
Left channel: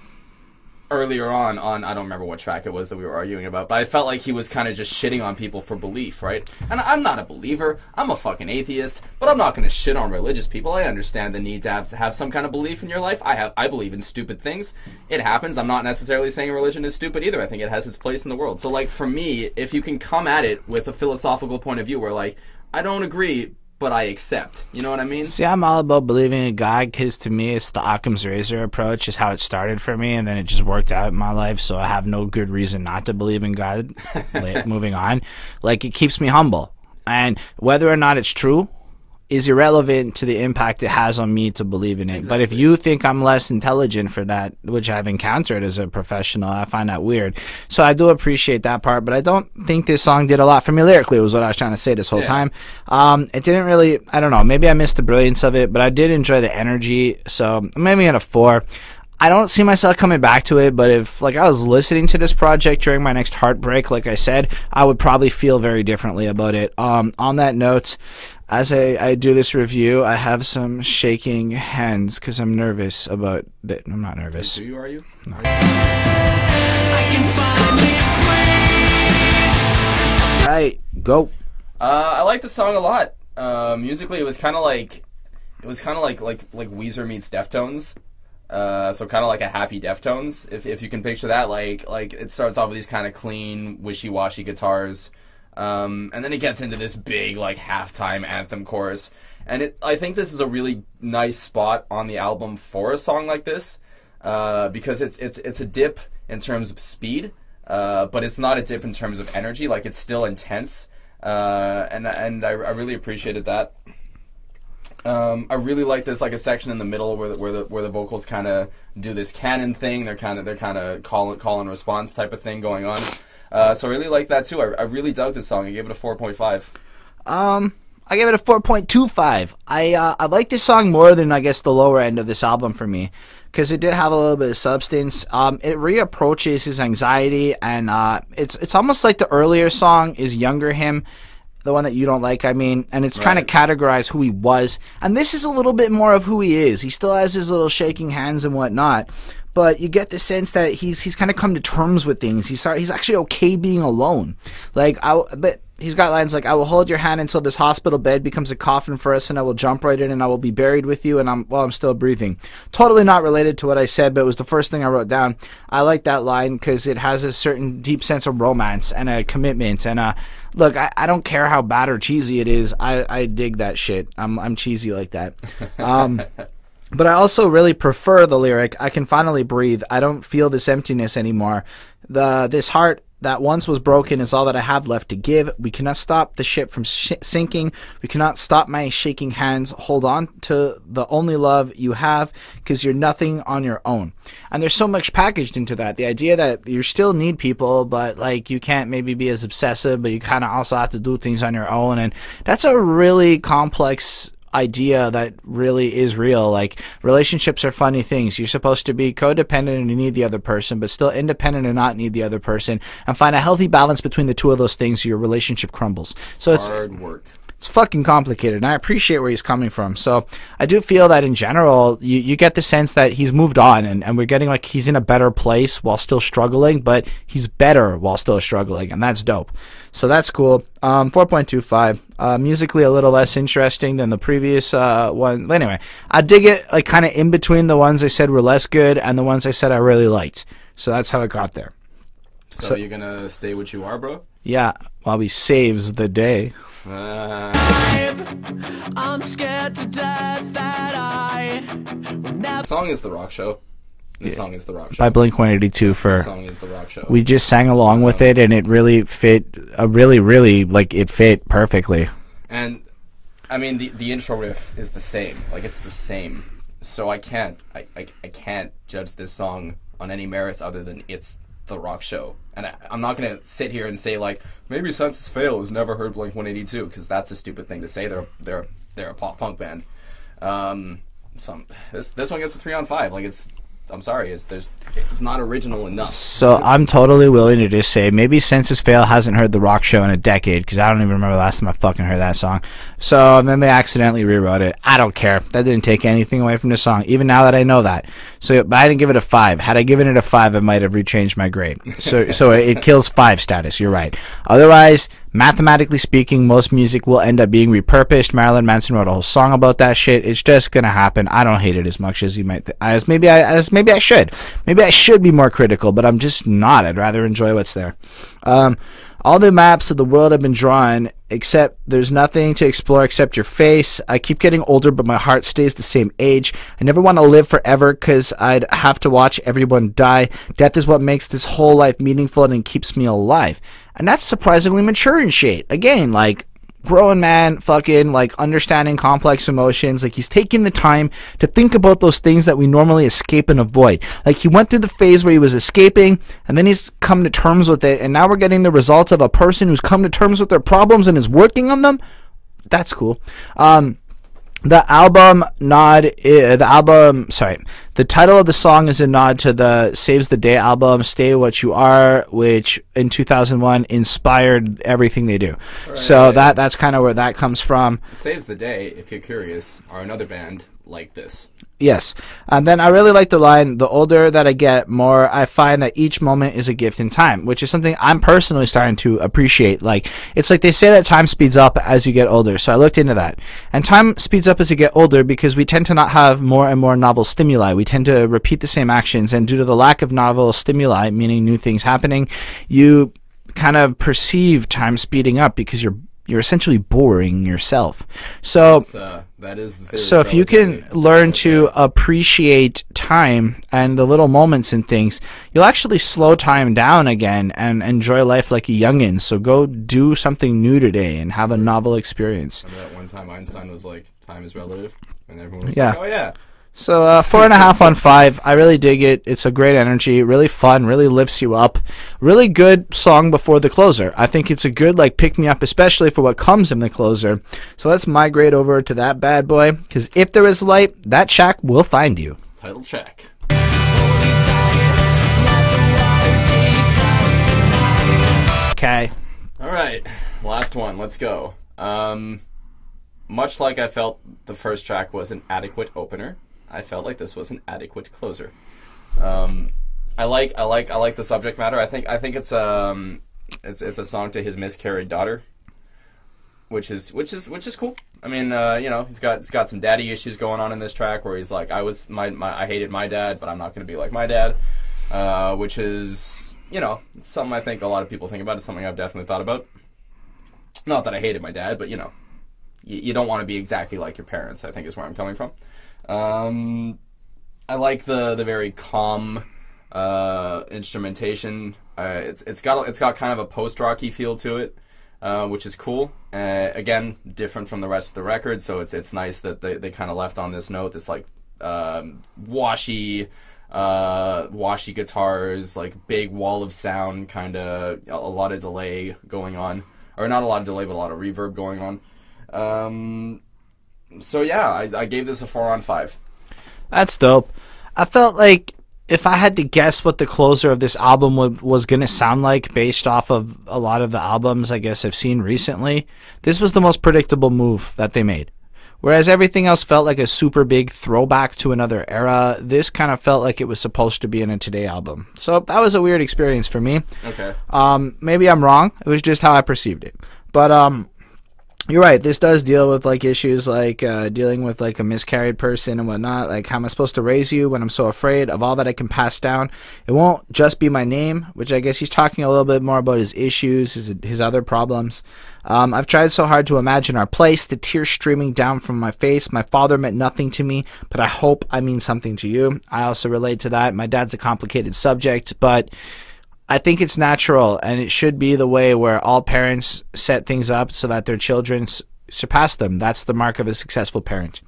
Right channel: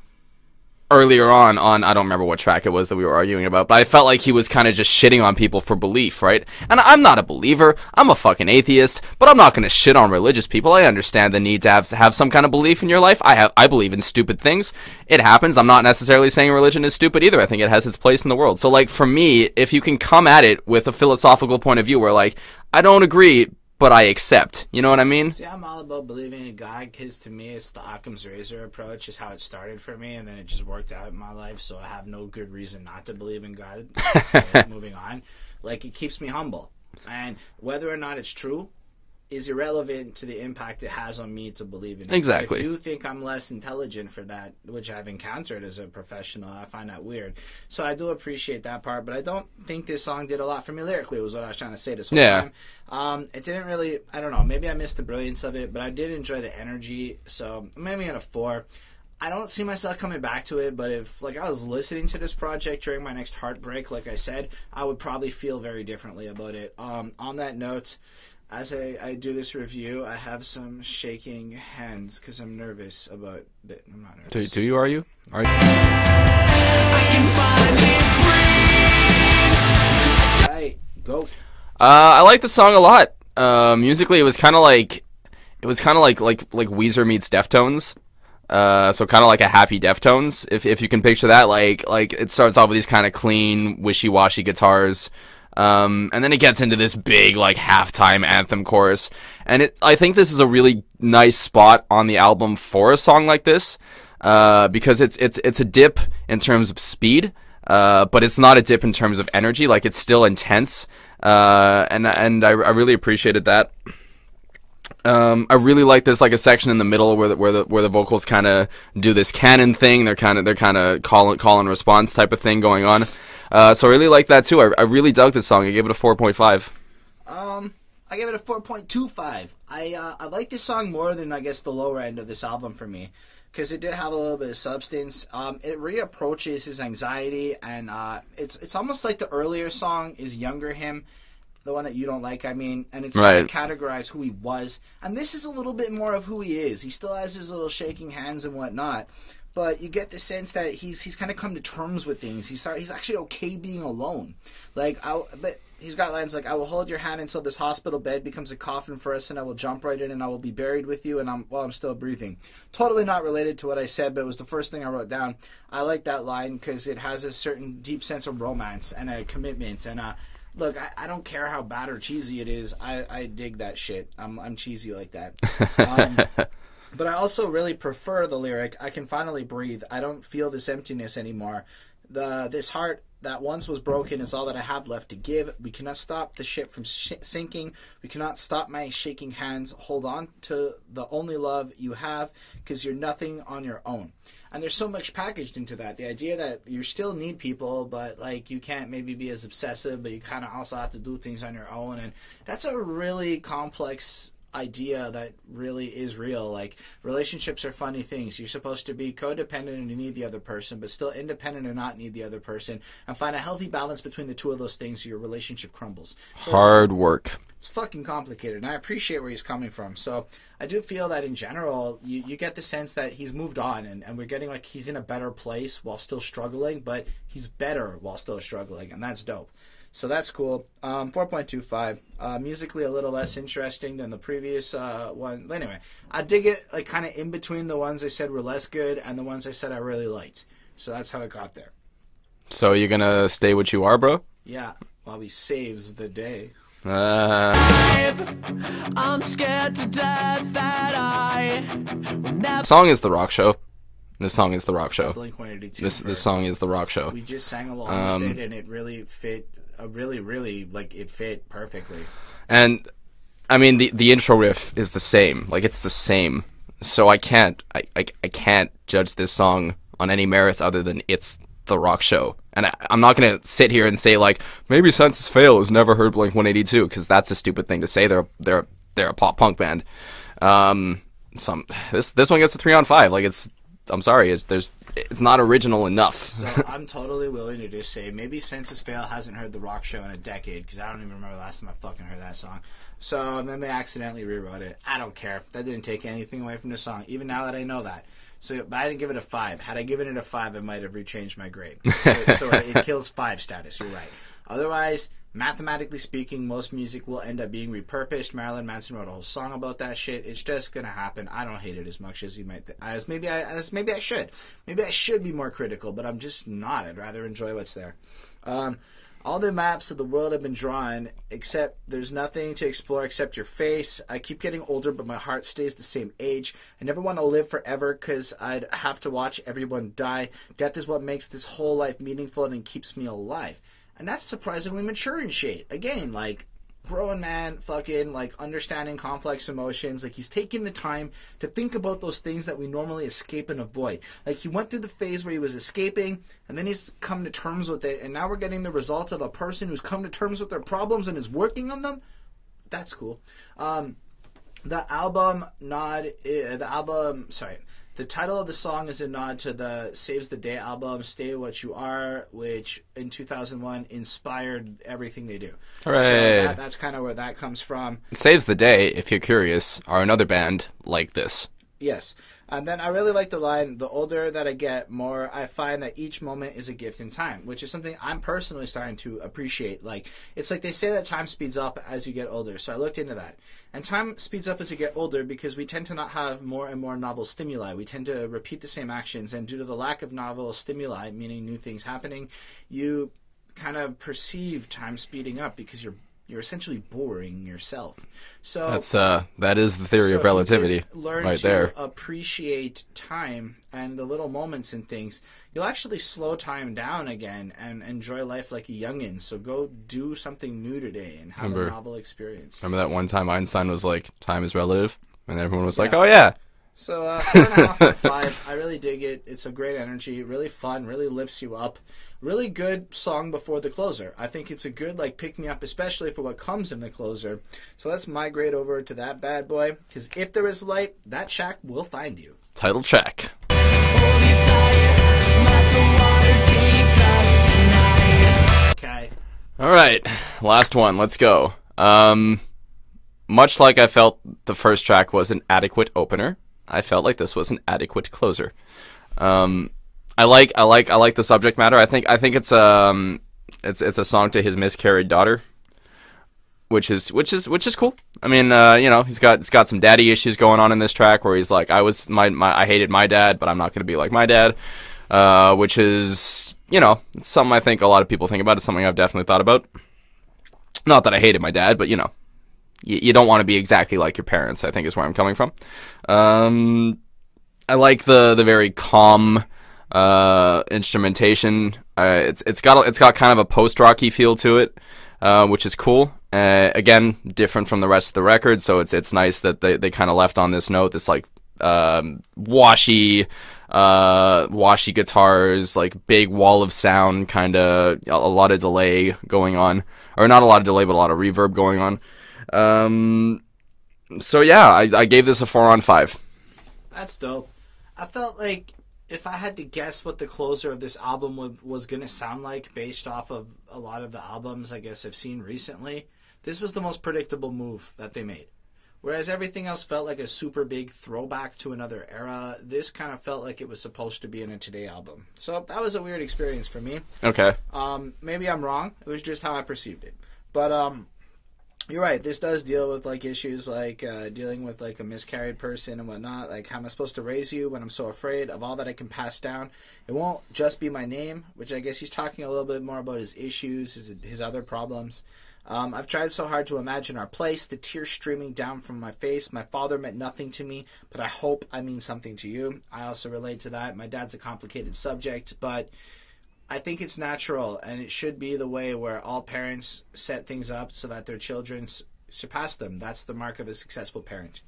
earlier on I don't remember what track it was that we were arguing about, but I felt like he was kind of just shitting on people for belief, right? And I'm not a believer. I'm a fucking atheist, but I'm not going to shit on religious people. I understand the need to have some kind of belief in your life. I believe in stupid things. It happens. I'm not necessarily saying religion is stupid either. I think it has its place in the world. So, like, for me, if you can come at it with a philosophical point of view where, like, I don't agree, but I accept. You know what I mean? See, I'm all about believing in God because to me it's the Occam's razor approach is how it started for me, and then it just worked out in my life, so I have no good reason not to believe in God. Moving on. Like, it keeps me humble. And whether or not it's true is irrelevant to the impact it has on me to believe in it. Exactly. But if you think I'm less intelligent for that, which I've encountered as a professional, I find that weird. So I do appreciate that part, but I don't think this song did a lot for me lyrically, was what I was trying to say this whole time. It didn't really, I don't know, maybe I missed the brilliance of it, but I did enjoy the energy, so maybe at a 4. I don't see myself coming back to it, but if like I was listening to this project during my next heartbreak, like I said, I would probably feel very differently about it. On that note, as I do this review, I have some shaking hands because I'm nervous about it. I'm not nervous. Do you? Are you? I can finally breathe. All right, go. I like the song a lot. Musically, it was kind of like Weezer meets Deftones. So kind of like a happy Deftones, if you can picture that. Like it starts off with these kind of clean, wishy-washy guitars. And then it gets into this big like halftime anthem chorus, and I think this is a really nice spot on the album for a song like this, because it's a dip in terms of speed, but it's not a dip in terms of energy. Like, it's still intense, and I really appreciated that. I really like there's like a section in the middle where the vocals kind of do this canon thing. They're kind of call and response type of thing going on. So I really like that too. I really dug this song. I gave it a 4.5. I gave it a 4.25. I like this song more than, I guess, the lower end of this album for me, because it did have a little bit of substance. It reapproaches his anxiety, and it's almost like the earlier song is younger him, the one that you don't like, I mean, and it's trying to categorize who he was. And this is a little bit more of who he is. He still has his little shaking hands and whatnot, but you get the sense that he's kind of come to terms with things. He's actually okay being alone. Like, but he's got lines like, "I will hold your hand until this hospital bed becomes a coffin for us, and I will jump right in, and I will be buried with you, and while I'm still breathing." Totally not related to what I said, but it was the first thing I wrote down. I like that line because it has a certain deep sense of romance and a commitment. And look, I don't care how bad or cheesy it is. I dig that shit. I'm cheesy like that. But I also really prefer the lyric, "I can finally breathe. I don't feel this emptiness anymore. This heart that once was broken is all that I have left to give. We cannot stop the ship from sinking. We cannot stop my shaking hands. Hold on to the only love you have, because you're nothing on your own." And there's so much packaged into that. The idea that you still need people, but like you can't maybe be as obsessive, but you kind of also have to do things on your own. And that's a really complex idea that really is real. Like, relationships are funny things. You're supposed to be codependent and you need the other person, but still independent and not need the other person, and find a healthy balance between the two of those things so your relationship crumbles. So hard work. It's fucking complicated, and I appreciate where he's coming from. So I do feel that in general, you get the sense that he's moved on, and we're getting like he's in a better place while still struggling, but he's better while still struggling, and that's dope. So that's cool. 4.25. Musically a little less interesting than the previous one. But anyway, I dig it like kind of in between the ones I said were less good and the ones I said I really liked. So that's how it got there. So you're gonna stay what you are, bro? Yeah, while he saves the day. I'm scared to death that I will never. The song is The Rock Show. This song is The Rock Show. By Blink-182 This song is The Rock Show. We just sang along with it, and it really fit, really, like, it fit perfectly. And, I mean, the intro riff is the same. Like, it's the same. So I can't judge this song on any merits other than it's The Rock Show. And I'm not going to sit here and say, like, maybe Senses Fail has never heard Blink-182, because that's a stupid thing to say. They're a pop-punk band. This one gets a 3 on 5. Like, I'm sorry, it's not original enough. So I'm totally willing to just say maybe Senses Fail hasn't heard The Rock Show in a decade, because I don't even remember the last time I fucking heard that song. So then they accidentally rewrote it. I don't care. That didn't take anything away from the song, even now that I know that. So but I didn't give it a 5. Had I given it a 5, I might have rechanged my grade. So it kills 5 status. You're right. Otherwise, mathematically speaking, most music will end up being repurposed. Marilyn Manson wrote a whole song about that shit. It's just gonna happen. I don't hate it as much as you might. Maybe I should. Maybe I should be more critical, but I'm just not. I'd rather enjoy what's there. All the maps of the world have been drawn, except there's nothing to explore except your face. I keep getting older, but my heart stays the same age. I never want to live forever because I'd have to watch everyone die. Death is what makes this whole life meaningful and keeps me alive. And that's surprisingly mature and shit. Again, like, grown man, fucking, like, understanding complex emotions. Like, he's taking the time to think about those things that we normally escape and avoid. Like, he went through the phase where he was escaping, and then he's come to terms with it, and now we're getting the result of a person who's come to terms with their problems and is working on them. That's cool. The title of the song is a nod to the Saves the Day album, Stay What You Are, which in 2001 inspired everything they do. Hooray. So that's kind of where that comes from. Saves the Day, if you're curious, are another band like this. Yes. And then I really like the line, the older that I get, more I find that each moment is a gift in time, which is something I'm personally starting to appreciate. Like, it's like they say that time speeds up as you get older. So I looked into that. And time speeds up as you get older because we tend to not have more and more novel stimuli. We tend to repeat the same actions. And due to the lack of novel stimuli, meaning new things happening, you kind of perceive time speeding up because you're essentially boring yourself. So that is the theory so of relativity. So if you can learn to appreciate time and the little moments and things, you'll actually slow time down again and enjoy life like a youngin. So go do something new today and have a novel experience. Remember that one time Einstein was like, time is relative? And everyone was like, oh yeah. So 4.5 on 5. I really dig it. It's a great energy, really fun, really lifts you up. Really good song before the closer. I think it's a good like pick me up, especially for what comes in the closer. So let's migrate over to that bad boy, because if there is light, that shack will find you. Title track. Okay. All right, last one. Let's go. Much like I felt the first track was an adequate opener, I felt like this was an adequate closer. I like the subject matter. I think it's a song to his miscarried daughter, which is cool. I mean, he's got some daddy issues going on in this track where he's like, I hated my dad, but I'm not going to be like my dad, which is it's something I think a lot of people think about. It's something I've definitely thought about. Not that I hated my dad, but you don't want to be exactly like your parents, I think is where I'm coming from. I like the very calm instrumentation. It's got kind of a post-rocky feel to it, which is cool. Again, different from the rest of the record, so it's nice that they kind of left on this note, this like washy guitars, like big wall of sound, kind of a lot of delay going on. Or not a lot of delay, but a lot of reverb going on. So yeah, I gave this a 4 on 5. That's dope. I felt like if I had to guess what the closer of this album was going to sound like based off of a lot of the albums I guess I've seen recently, this was the most predictable move that they made. Whereas everything else felt like a super big throwback to another era, this kind of felt like it was supposed to be in a Today album. So that was a weird experience for me. Okay. Maybe I'm wrong. It was just how I perceived it. But you're right. This does deal with like issues like dealing with like a miscarried person and whatnot. Like, how am I supposed to raise you when I'm so afraid of all that I can pass down? It won't just be my name, which I guess he's talking a little bit more about his issues, his other problems. I've tried so hard to imagine our place, the tears streaming down from my face. My father meant nothing to me, but I hope I mean something to you. I also relate to that. My dad's a complicated subject, but I think it's natural, and it should be the way where all parents set things up so that their children surpass them. That's the mark of a successful parent.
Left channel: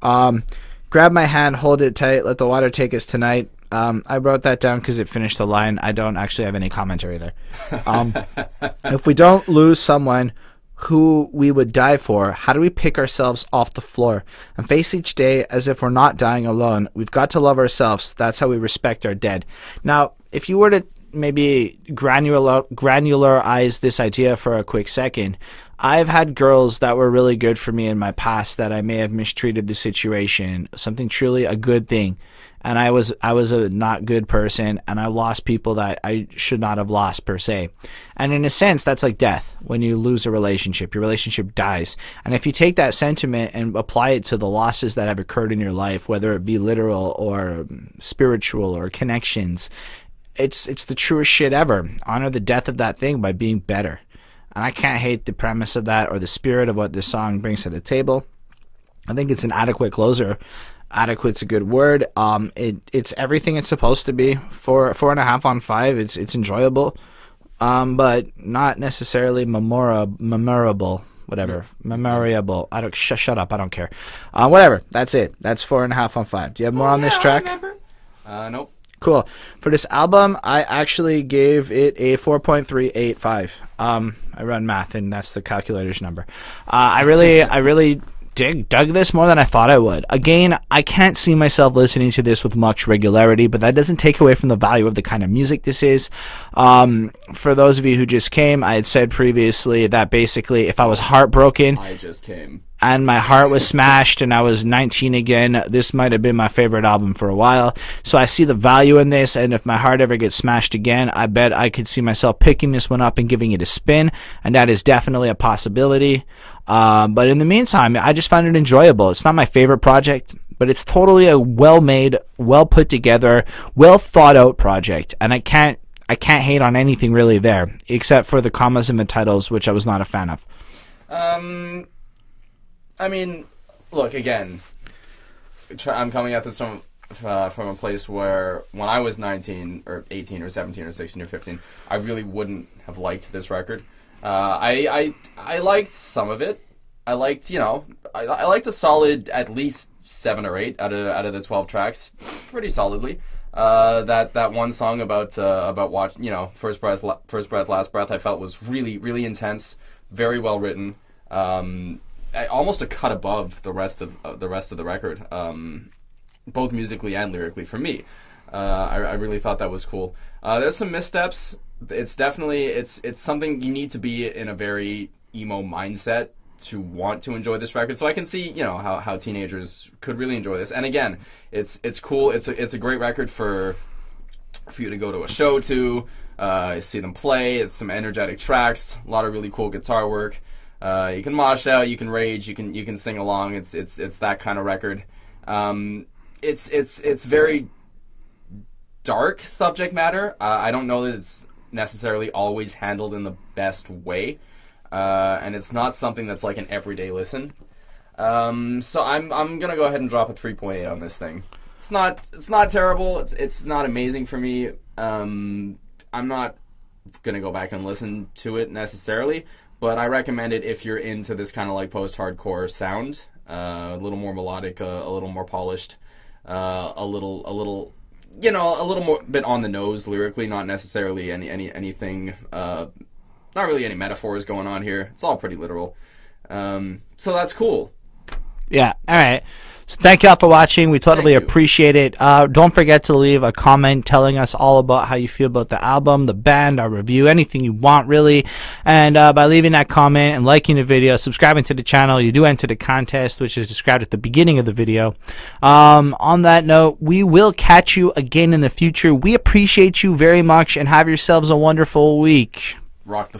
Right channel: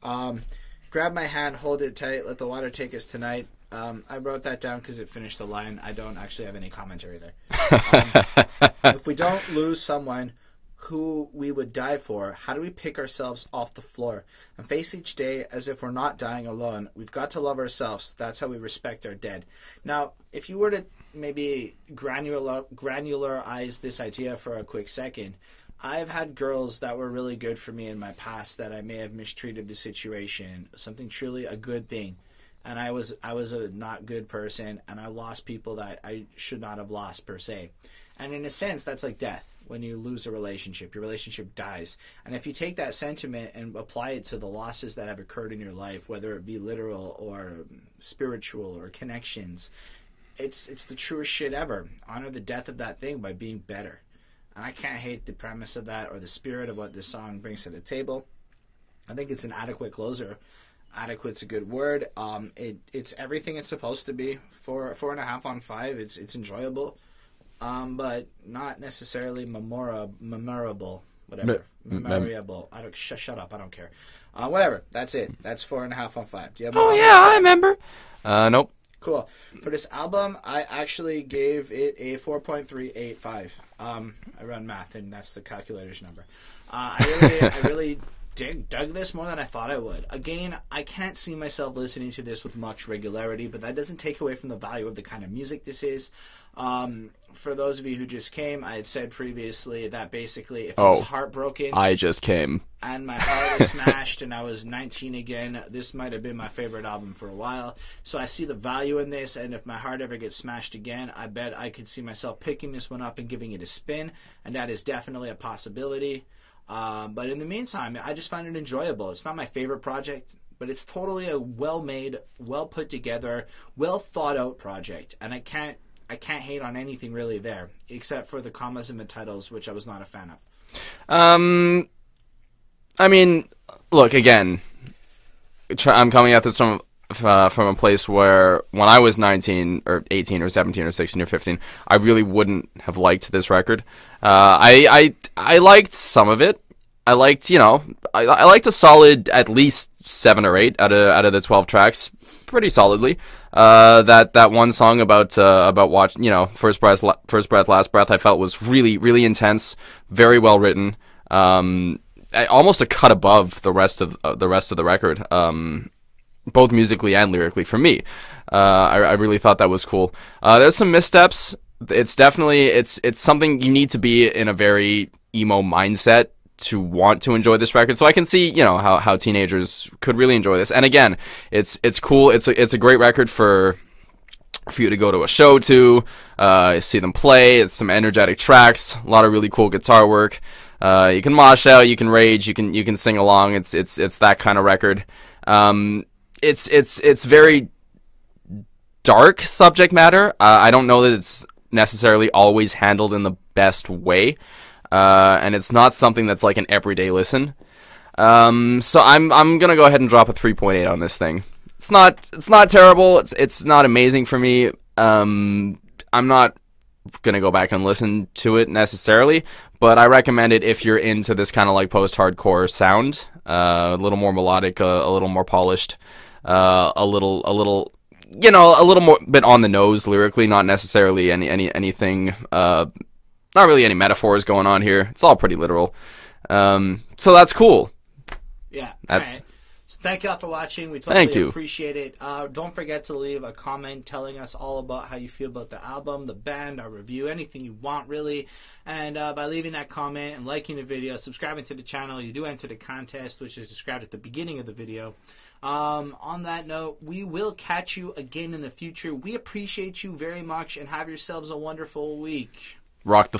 Grab my hand, hold it tight, let the water take us tonight. I wrote that down because it finished the line. I don't actually have any commentary there. If we don't lose someone who we would die for, how do we pick ourselves off the floor and face each day as if we're not dying alone? We've got to love ourselves. That's how we respect our dead. Now, if you were to maybe granularize this idea for a quick second, I've had girls that were really good for me in my past that I may have mistreated the situation, something truly a good thing, and I was a not good person, and I lost people that I should not have lost per se. And in a sense, that's like death. When you lose a relationship, your relationship dies. And if you take that sentiment and apply it to the losses that have occurred in your life, whether it be literal or spiritual or connections, it's the truest shit ever. Honor the death of that thing by being better. And I can't hate the premise of that or the spirit of what this song brings to the table. I think it's an adequate closer. Adequate's a good word. It's everything it's supposed to be. 4.5 on 5. It's enjoyable, but not necessarily memorable. Whatever, memorable. I don't shut up. I don't care. Whatever. That's it. That's 4.5 on 5. Do you have more on this track? I remember. Nope. Cool. For this album, I actually gave it a 4.385. I run math, and that's the calculator's number. I really dug this more than I thought I would. Again, I can't see myself listening to this with much regularity, but that doesn't take away from the value of the kind of music this is. For those of you who just came, I had said previously that basically if I was heartbroken... I just came. And my heart was smashed and I was 19 again, this might have been my favorite album for a while. So I see the value in this, and if my heart ever gets smashed again, I bet I could see myself picking this one up and giving it a spin, and that is definitely a possibility. But in the meantime, I just found it enjoyable. It's not my favorite project, but it's totally a well-made, well-put-together, well-thought-out project, and I can't hate on anything really there, except for the commas and the titles, which I was not a fan of. I mean, look, again, I'm coming at this from a place where when I was 19 or 18 or 17 or 16 or 15, I really wouldn't have liked this record. I liked some of it. I liked, I liked a solid at least 7 or 8 out of the 12 tracks, pretty solidly. That one song about watching, first breath, last breath, I felt was really, really intense, very well written. Almost a cut above the rest of the record, both musically and lyrically for me. I really thought that was cool. There's some missteps. It's definitely it's something you need to be in a very emo mindset to want to enjoy this record. So I can see how teenagers could really enjoy this. And again, it's cool. It's a great record for you to go to a show to, see them play. It's some energetic tracks, a lot of really cool guitar work. You can mosh out, you can rage, you can sing along. It's that kind of record. It's very dark subject matter. I don't know that it's necessarily always handled in the best way, and it's not something that's like an everyday listen. So I'm gonna go ahead and drop a 3.8 on this thing. It's not terrible. It's not amazing for me. I'm not gonna go back and listen to it necessarily, but I recommend it if you're into this kind of like post-hardcore sound, a little more melodic, a little more polished, a little more bit on the nose lyrically, not necessarily anything, not really any metaphors going on here. It's all pretty literal. So that's cool. Yeah. All right. So thank y'all for watching. We totally Thank you. appreciate it. Don't forget to leave a comment telling us all about how you feel about the album, the band, our review, anything you want really. And by leaving that comment and liking the video, subscribing to the channel, you do enter the contest, which is described at the beginning of the video. On that note, we will catch you again in the future. We appreciate you very much and have yourselves a wonderful week. Rock the